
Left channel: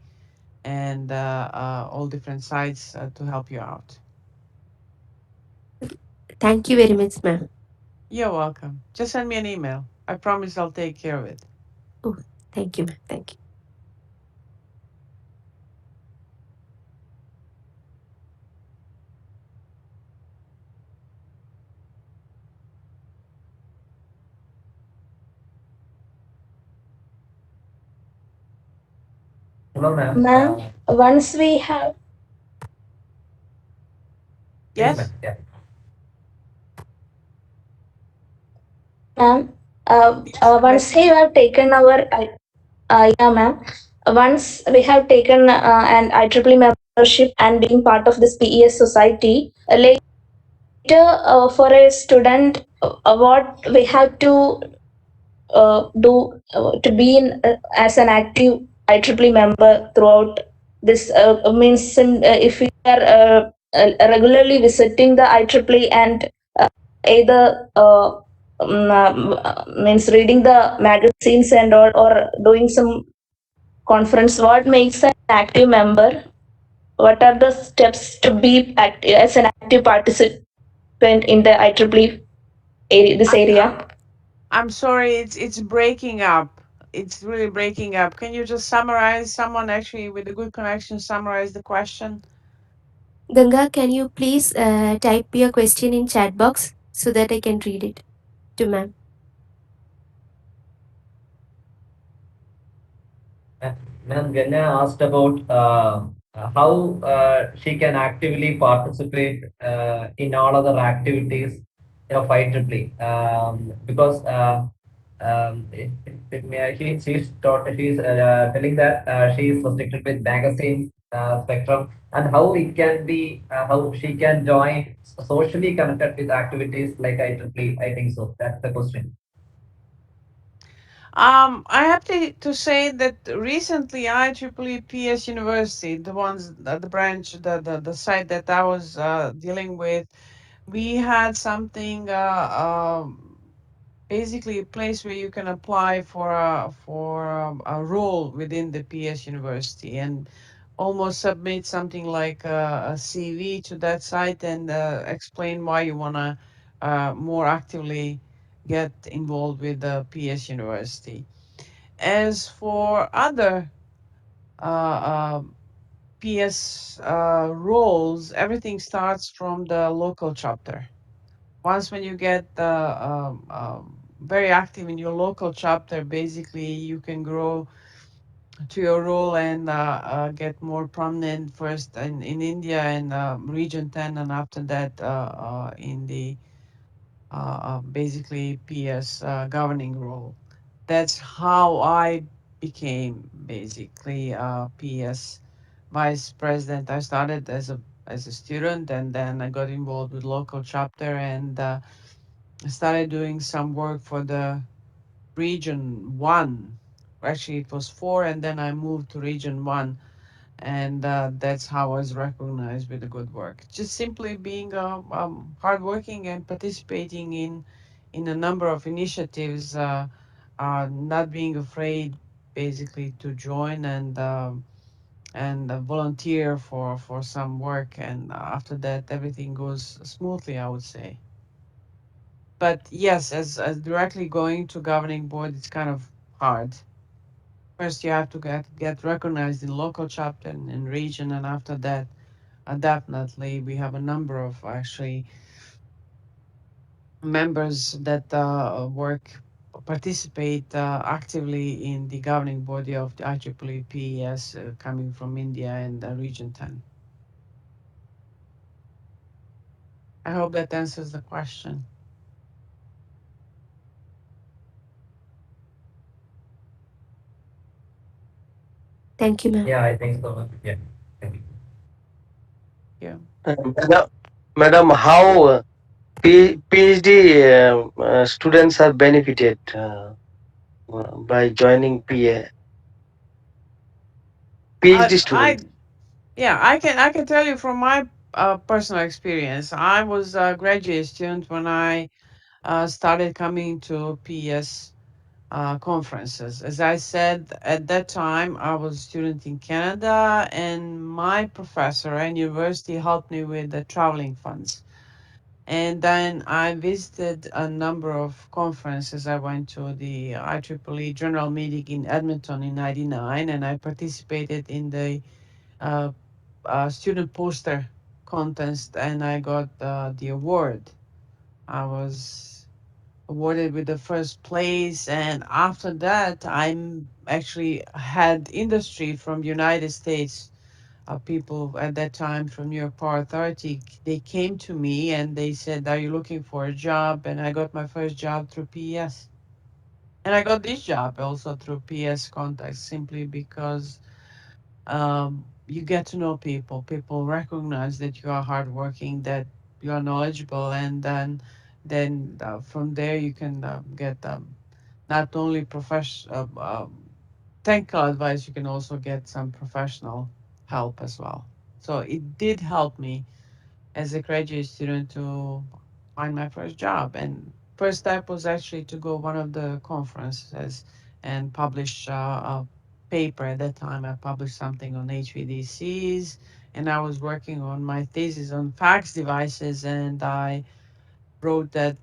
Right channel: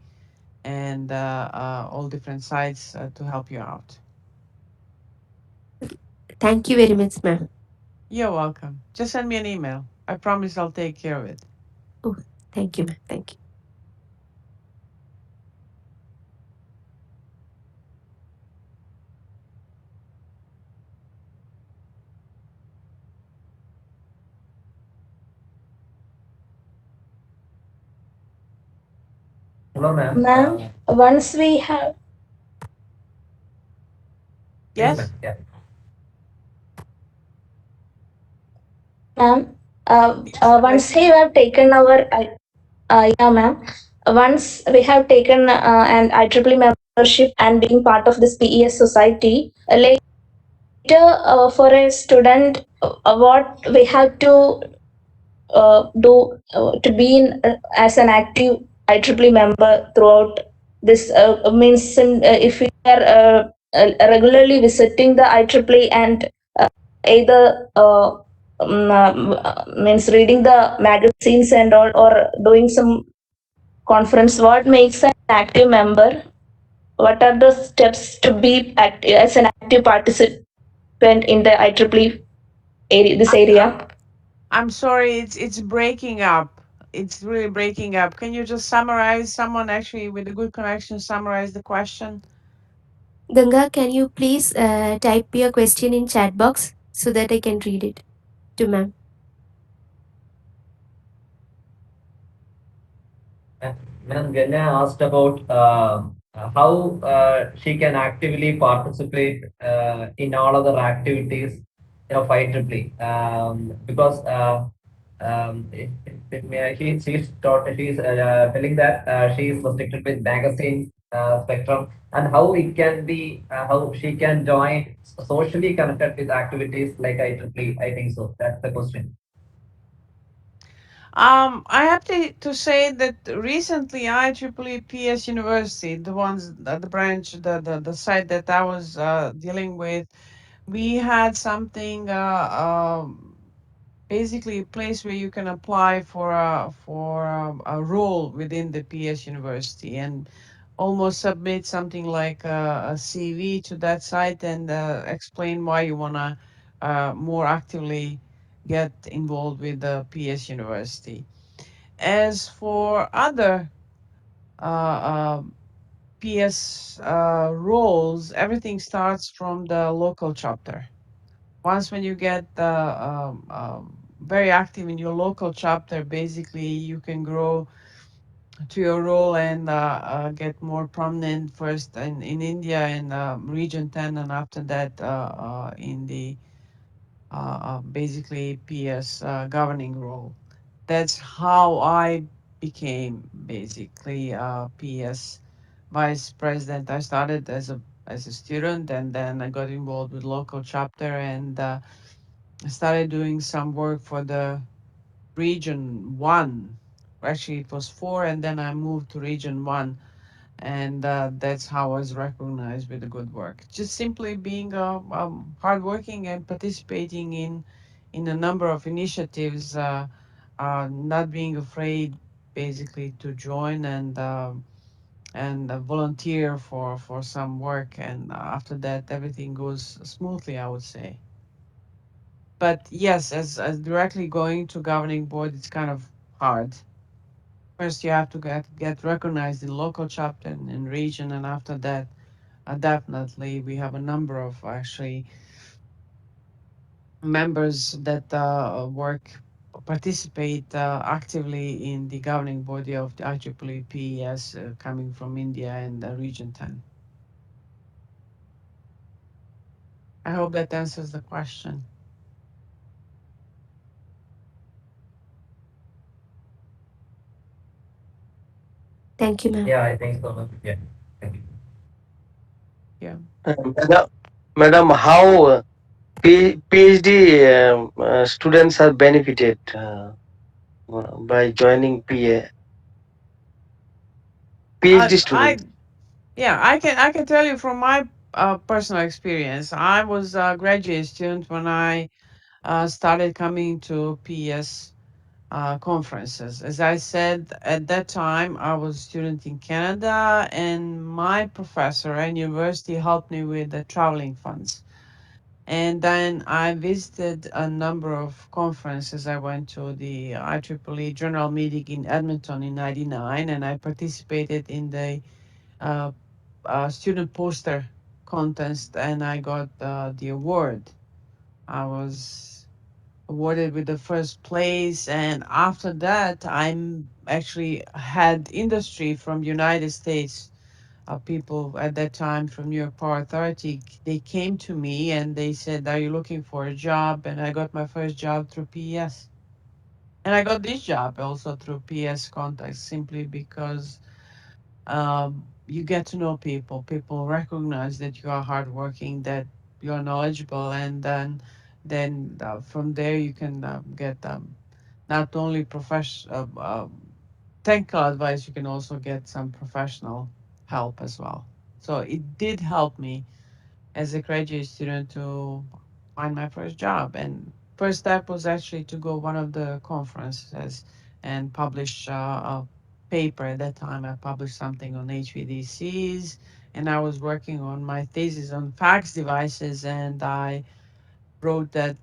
and all different sites to help you out. Thank you very much, ma'am. You're welcome. Just send me an email. I promise I'll take care of it. Oh, thank you, ma'am. Thank you. Hello, ma'am. Ma'am, once we have, Please, ma'am. Yes? Yeah. ma'am, Yes, I'm once we listening. have taken our, yeah, ma'am, once we have taken an IEEE membership and being part of this PES society, later for a student, what we have to do to be in as an active IEEE member throughout this means if we are regularly visiting the IEEE and either means reading the magazines and all or doing some conference. What makes an active member? What are the steps to be as an active participant in the IEEE area, this I, area? I'm sorry, it's breaking up. It's really breaking up. Can you just summarize? Someone actually with a good connection summarize the question? Ganga, can you please type your question in chat box so that I can read it to ma'am? Ma'am, Ganya asked about how she can actively participate in all other activities of IEEE. Because she's telling that she is restricted with magazine spectrum, and how it can be how she can join socially connected with activities like IEEE. I think so. That's the question. I have to say that recently IEEE PS University, the ones, the branch, the site that I was dealing with, we had something, basically a place where you can apply for a role within the PS University and almost submit something like a CV to that site and explain why you want to more actively get involved with the PS University. As for other PS roles, everything starts from the local chapter. Once when you get very active in your local chapter, basically you can grow to your role and get more prominent first in India and Region 10, and after that in the basically PS governing role. That's how I became basically PS vice president. I started as a student, and then I got involved with local chapter and I started doing some work for the region one. Actually, it was four, and then I moved to region one, and that's how I was recognized with the good work. Just simply being hardworking and participating in a number of initiatives, not being afraid, basically, to join and volunteer for some work, and after that everything goes smoothly, I would say. But yes, as directly going to governing board, it's kind of hard. First, you have to get recognized in local chapter and in region, and after that, definitely we have a number of actually members that work participate actively in the governing body of the IEEE PES coming from India and Region 10. I hope that answers the question. Thank you, ma'am. Yeah, I think so, ma'am. Yeah. Thank you. Yeah. Madam, how PhD students are benefited by joining PhD I students? Yeah, I can tell you from my personal experience. I was a graduate student when I started coming to PS conferences. As I said, at that time, I was a student in Canada, and my professor at university helped me with the traveling funds. And then I visited a number of conferences. I went to the IEEE General Meeting in Edmonton in '99, and I participated in the uh, student poster contest, and I got the award. I was awarded with the first place, and after that I'm actually had industry from United States, people at that time from New York Power Authority. They came to me and they said, are you looking for a job? And I got my first job through PES, and I got this job also through PS contacts, simply because you get to know people. People recognize that you are hardworking, that you are knowledgeable, and then from there you can get not only technical advice, you can also get some professional help as well. So it did help me as a graduate student to find my first job. And first step was actually to go one of the conferences and publish a paper at that time. I published something on HVDCs, and I was working on my thesis on fax devices, and I wrote that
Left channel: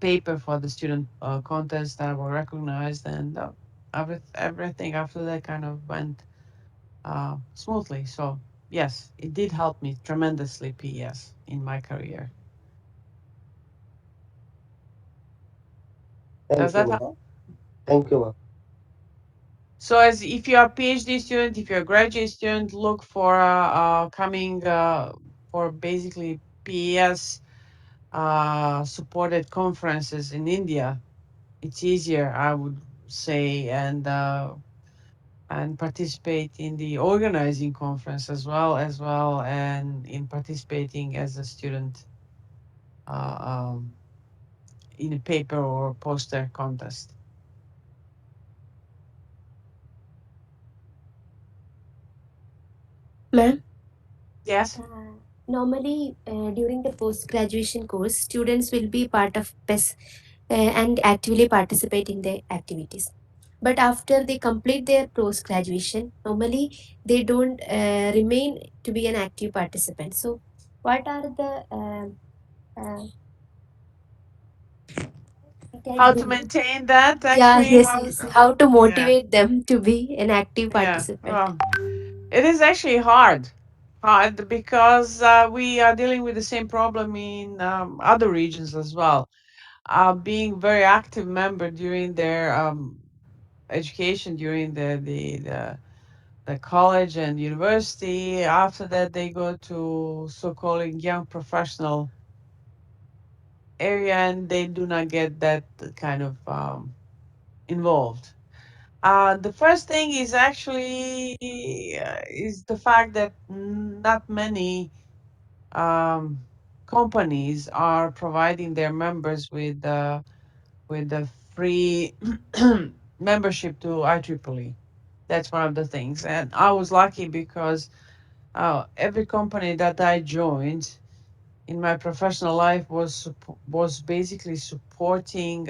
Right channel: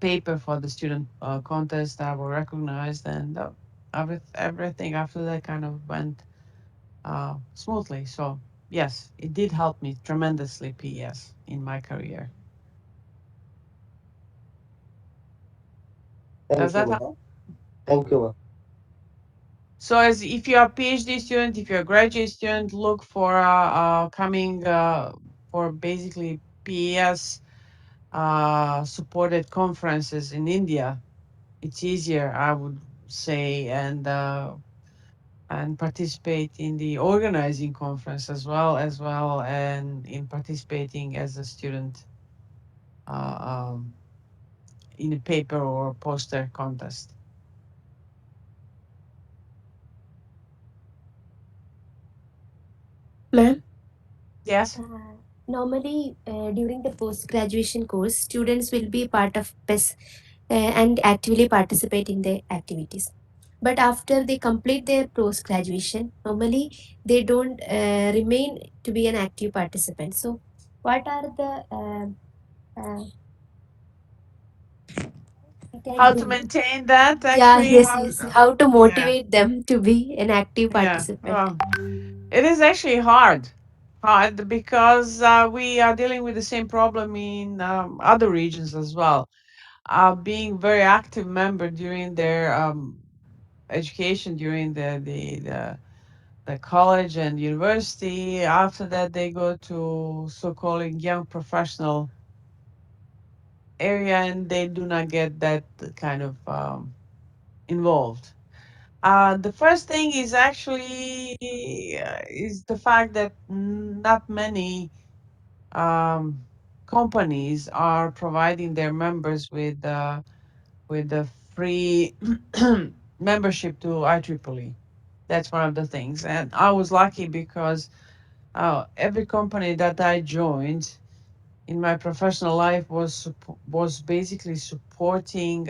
paper for the student contest that were recognized, and everything after that kind of went smoothly. So yes, it did help me tremendously, PS, in my career. Does Thank you, that ma'am. help? Thank you, ma'am. So, as if you're a PhD student, if you're a graduate student, look for coming for basically PES supported conferences in India. It's easier, I would say, and participate in the organizing conference as well, and in participating as a student uh, um, in a paper or poster contest. Ma'am, Yes. normally during the post-graduation course, students will be part of PES and actively participate in the activities. But after they complete their post-graduation, normally they don't remain to be an active participant. So, what are the uh, we can How to do? maintain that Yeah, actually? yes, How? yes. How to Yeah, motivate them to be an active yeah. participant? Well, it is actually hard because we are dealing with the same problem in other regions as well. Being very active member during their education, during the college and university. After that, they go to so-called young professional area, and they do not get that kind of involved. The first thing is actually is the fact that not many um, companies are providing their members with the free membership to IEEE. That's one of the things, and I was lucky because every company that I joined in my professional life was basically supporting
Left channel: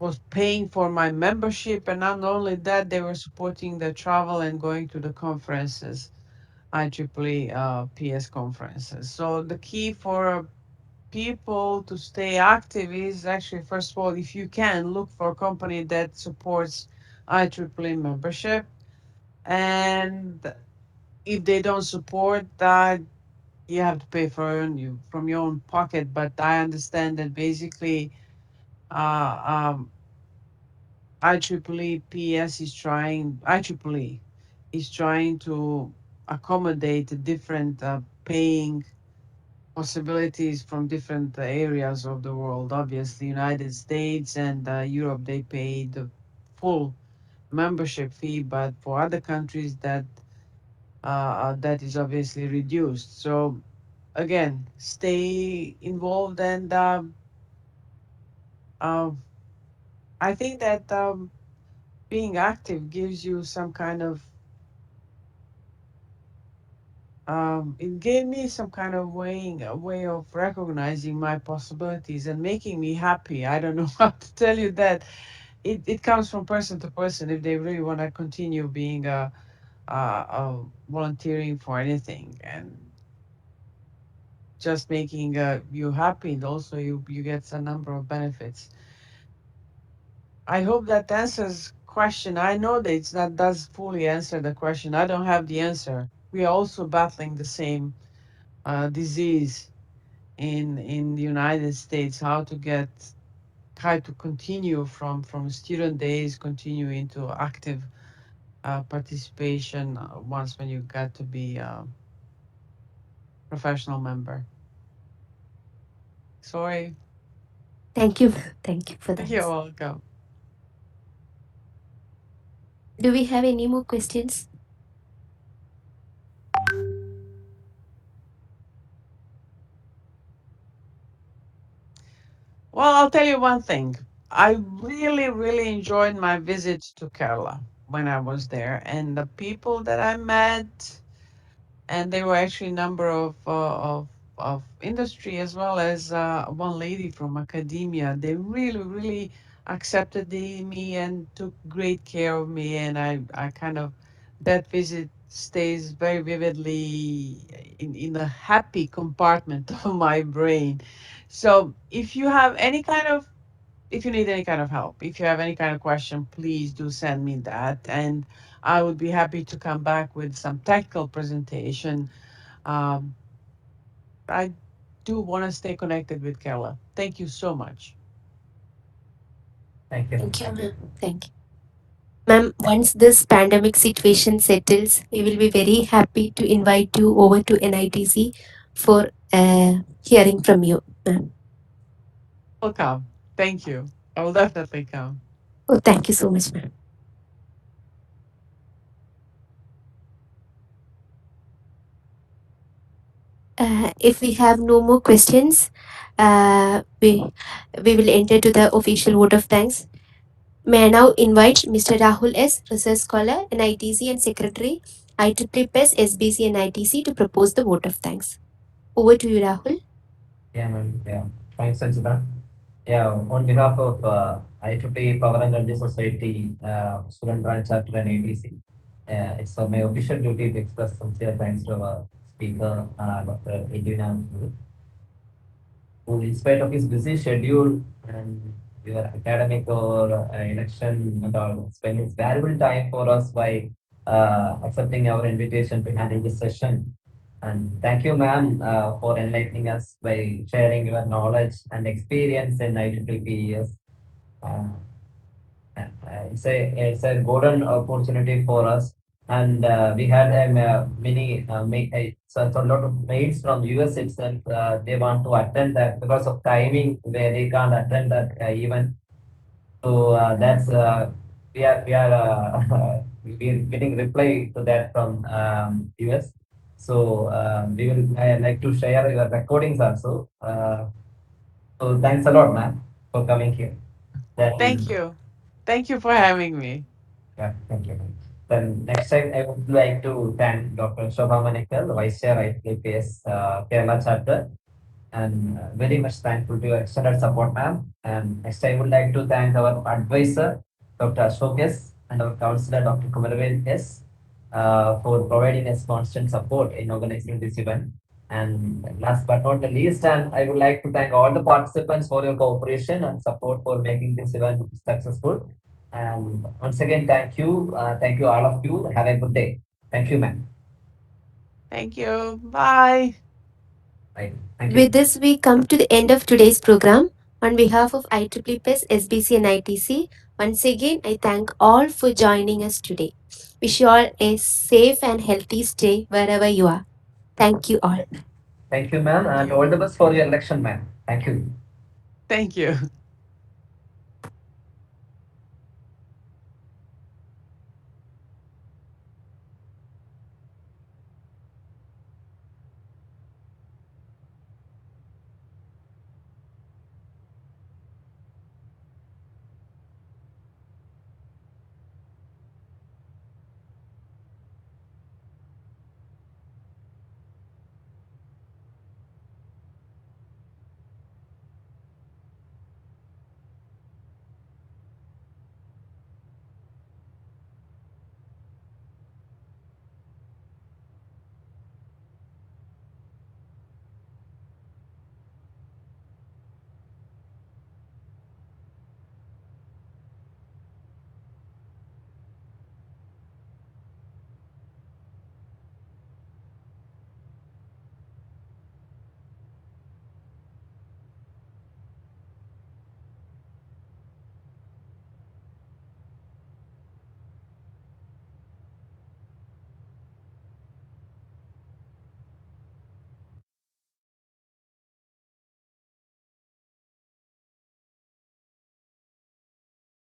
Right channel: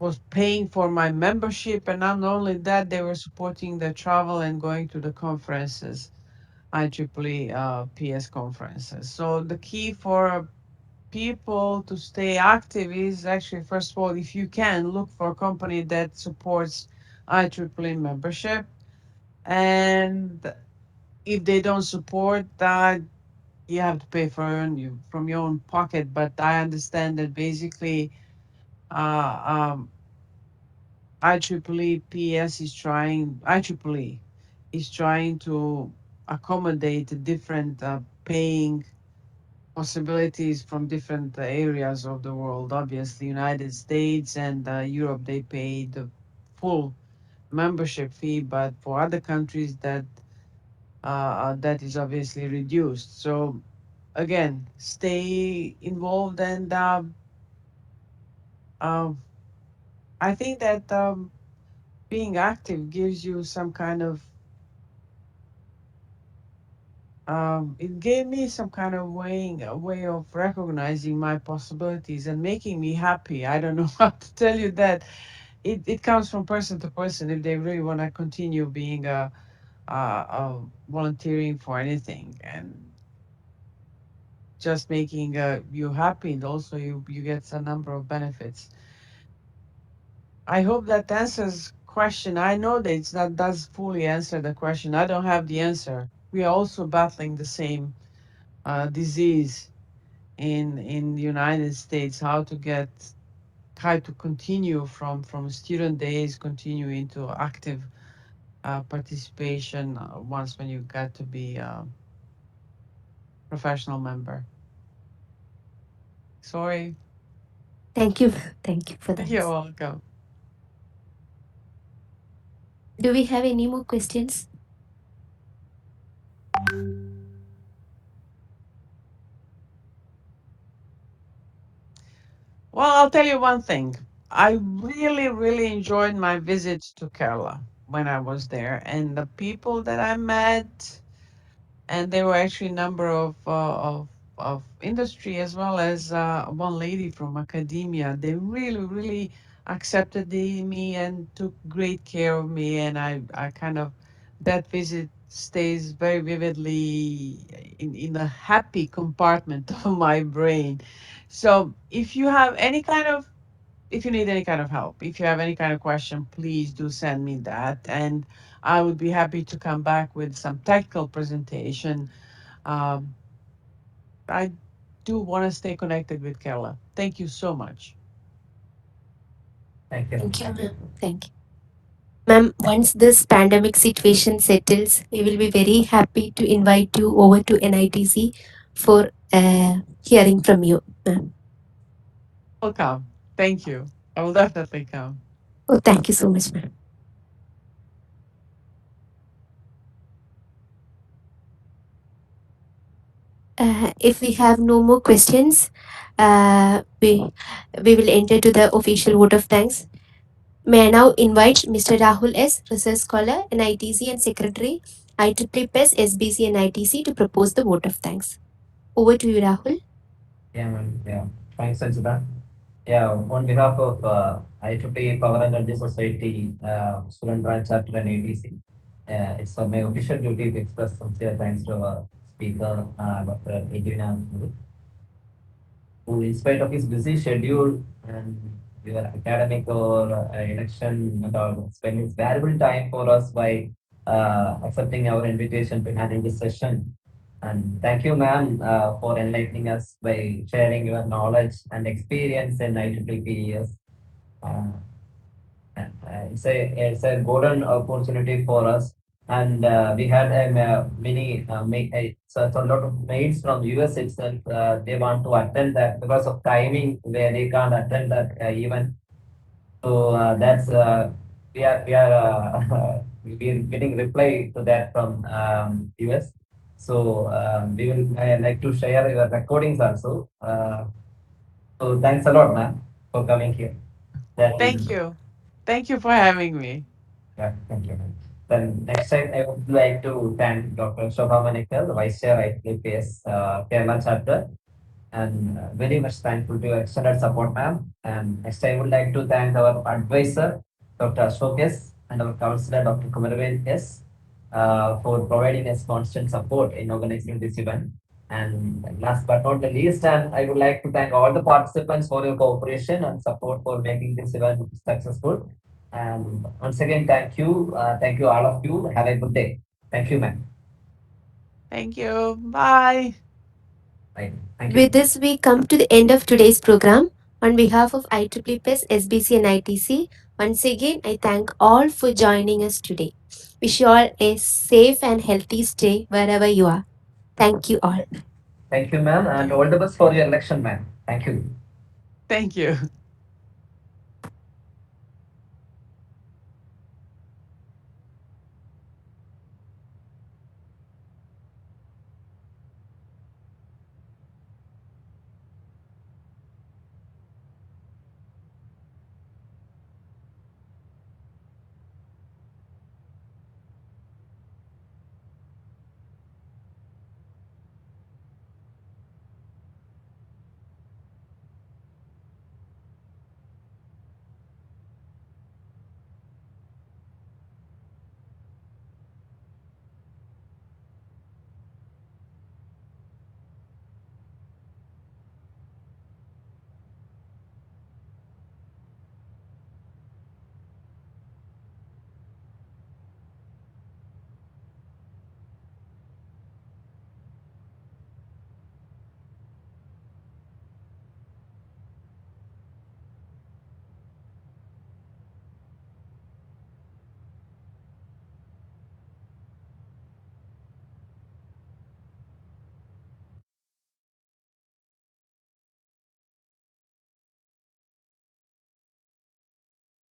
was paying for my membership, and not only that, they were supporting the travel and going to the conferences, IEEE PS conferences. So the key for people to stay active is actually, first of all, if you can, look for a company that supports IEEE membership, and if they don't support that, you have to pay for you from your own pocket. But I understand that basically IEEE PS is trying, IEEE is trying to accommodate different paying possibilities from different areas of the world. Obviously, United States and Europe, they pay the full membership fee, but for other countries that is obviously reduced. So again, stay involved, and um, I think that being active gives you some kind of it gave me some kind of a way of recognizing my possibilities and making me happy. I don't know how to tell you that. It comes from person to person if they really want to continue being volunteering for anything, and just making you happy, and also you get a number of benefits. I hope that answers question. I know that it's not does fully answer the question. I don't have the answer. We are also battling the same disease in the United States. How to continue from student days, continue into active participation once when you got to be a professional member. Sorry. Thank you. Thank you for that. You're welcome. Do we have any more questions? Well, I'll tell you one thing. I really, really enjoyed my visit to Kerala when I was there, and the people that I met, and there were actually a number of industry as well as one lady from academia. They really, really accepted me and took great care of me. And I kind of, that visit stays very vividly in a happy compartment of my brain. So if you have any kind of, if you need any kind of help, if you have any kind of question, please do send me that. And I would be happy to come back with some technical presentation. Um, I do want to stay connected with Kerala. Thank you so much. Thank you. Thank you, ma'am. Thank you. Ma'am, once this pandemic situation settles, we will be very happy to invite you over to NITC for hearing from you, ma'am. I'll come. Thank you. I will definitely come. Oh, thank you so much, ma'am. If we have no more questions, we will enter to the official vote of thanks. May I now invite Mr. Rahul S., Research Scholar, NITC and Secretary, IEEE PES, SBC and ITC to propose the vote of thanks. Over to you, Rahul. Yeah, ma'am. Yeah. Thanks, Sanjita. Yeah, on behalf of IEEE Power and Energy Society, Student Branch Chapter and ATC, it's my official duty to express sincere thanks to our speaker, Dr. Edvina, who, in spite of his busy schedule and your academic or election and all, spend his valuable time for us by accepting our invitation to handle this session. And thank you, ma'am, for enlightening us by sharing your knowledge and experience in IEEE. Uh, it's a golden opportunity for us, and we had so a lot of mails from US itself. They want to attend that because of timing, where they can't attend that event. So that's we're getting reply to that from US. So we will like to share your recordings also. So thanks a lot, ma'am, for coming here. Thank Then you. Thank you for having me. yeah, thank you. Then next time, I would like to thank Dr. Shubham, the Vice Chair at IEEE Kerala chapter, and very much thankful to your extended support, ma'am. And next, I would like to thank our advisor, Dr. Ashok S., and our counselor, Dr. Kumar S., for providing us constant support in organizing this event. And last but not the least, and I would like to thank all the participants for your cooperation and support for making this event successful. And once again, thank you. Thank you, all of you. Have a good day. Thank you, ma'am. Thank you. Bye. Bye. Thank you. With this, we come to the end of today's program. On behalf of IEEE PES, SBC and ITC, once again, I thank all for joining us today. Wish you all a safe and healthy stay wherever you are. Thank you all. Thank you, ma'am, Thank and you. all the best for your election, ma'am. Thank you. Thank you.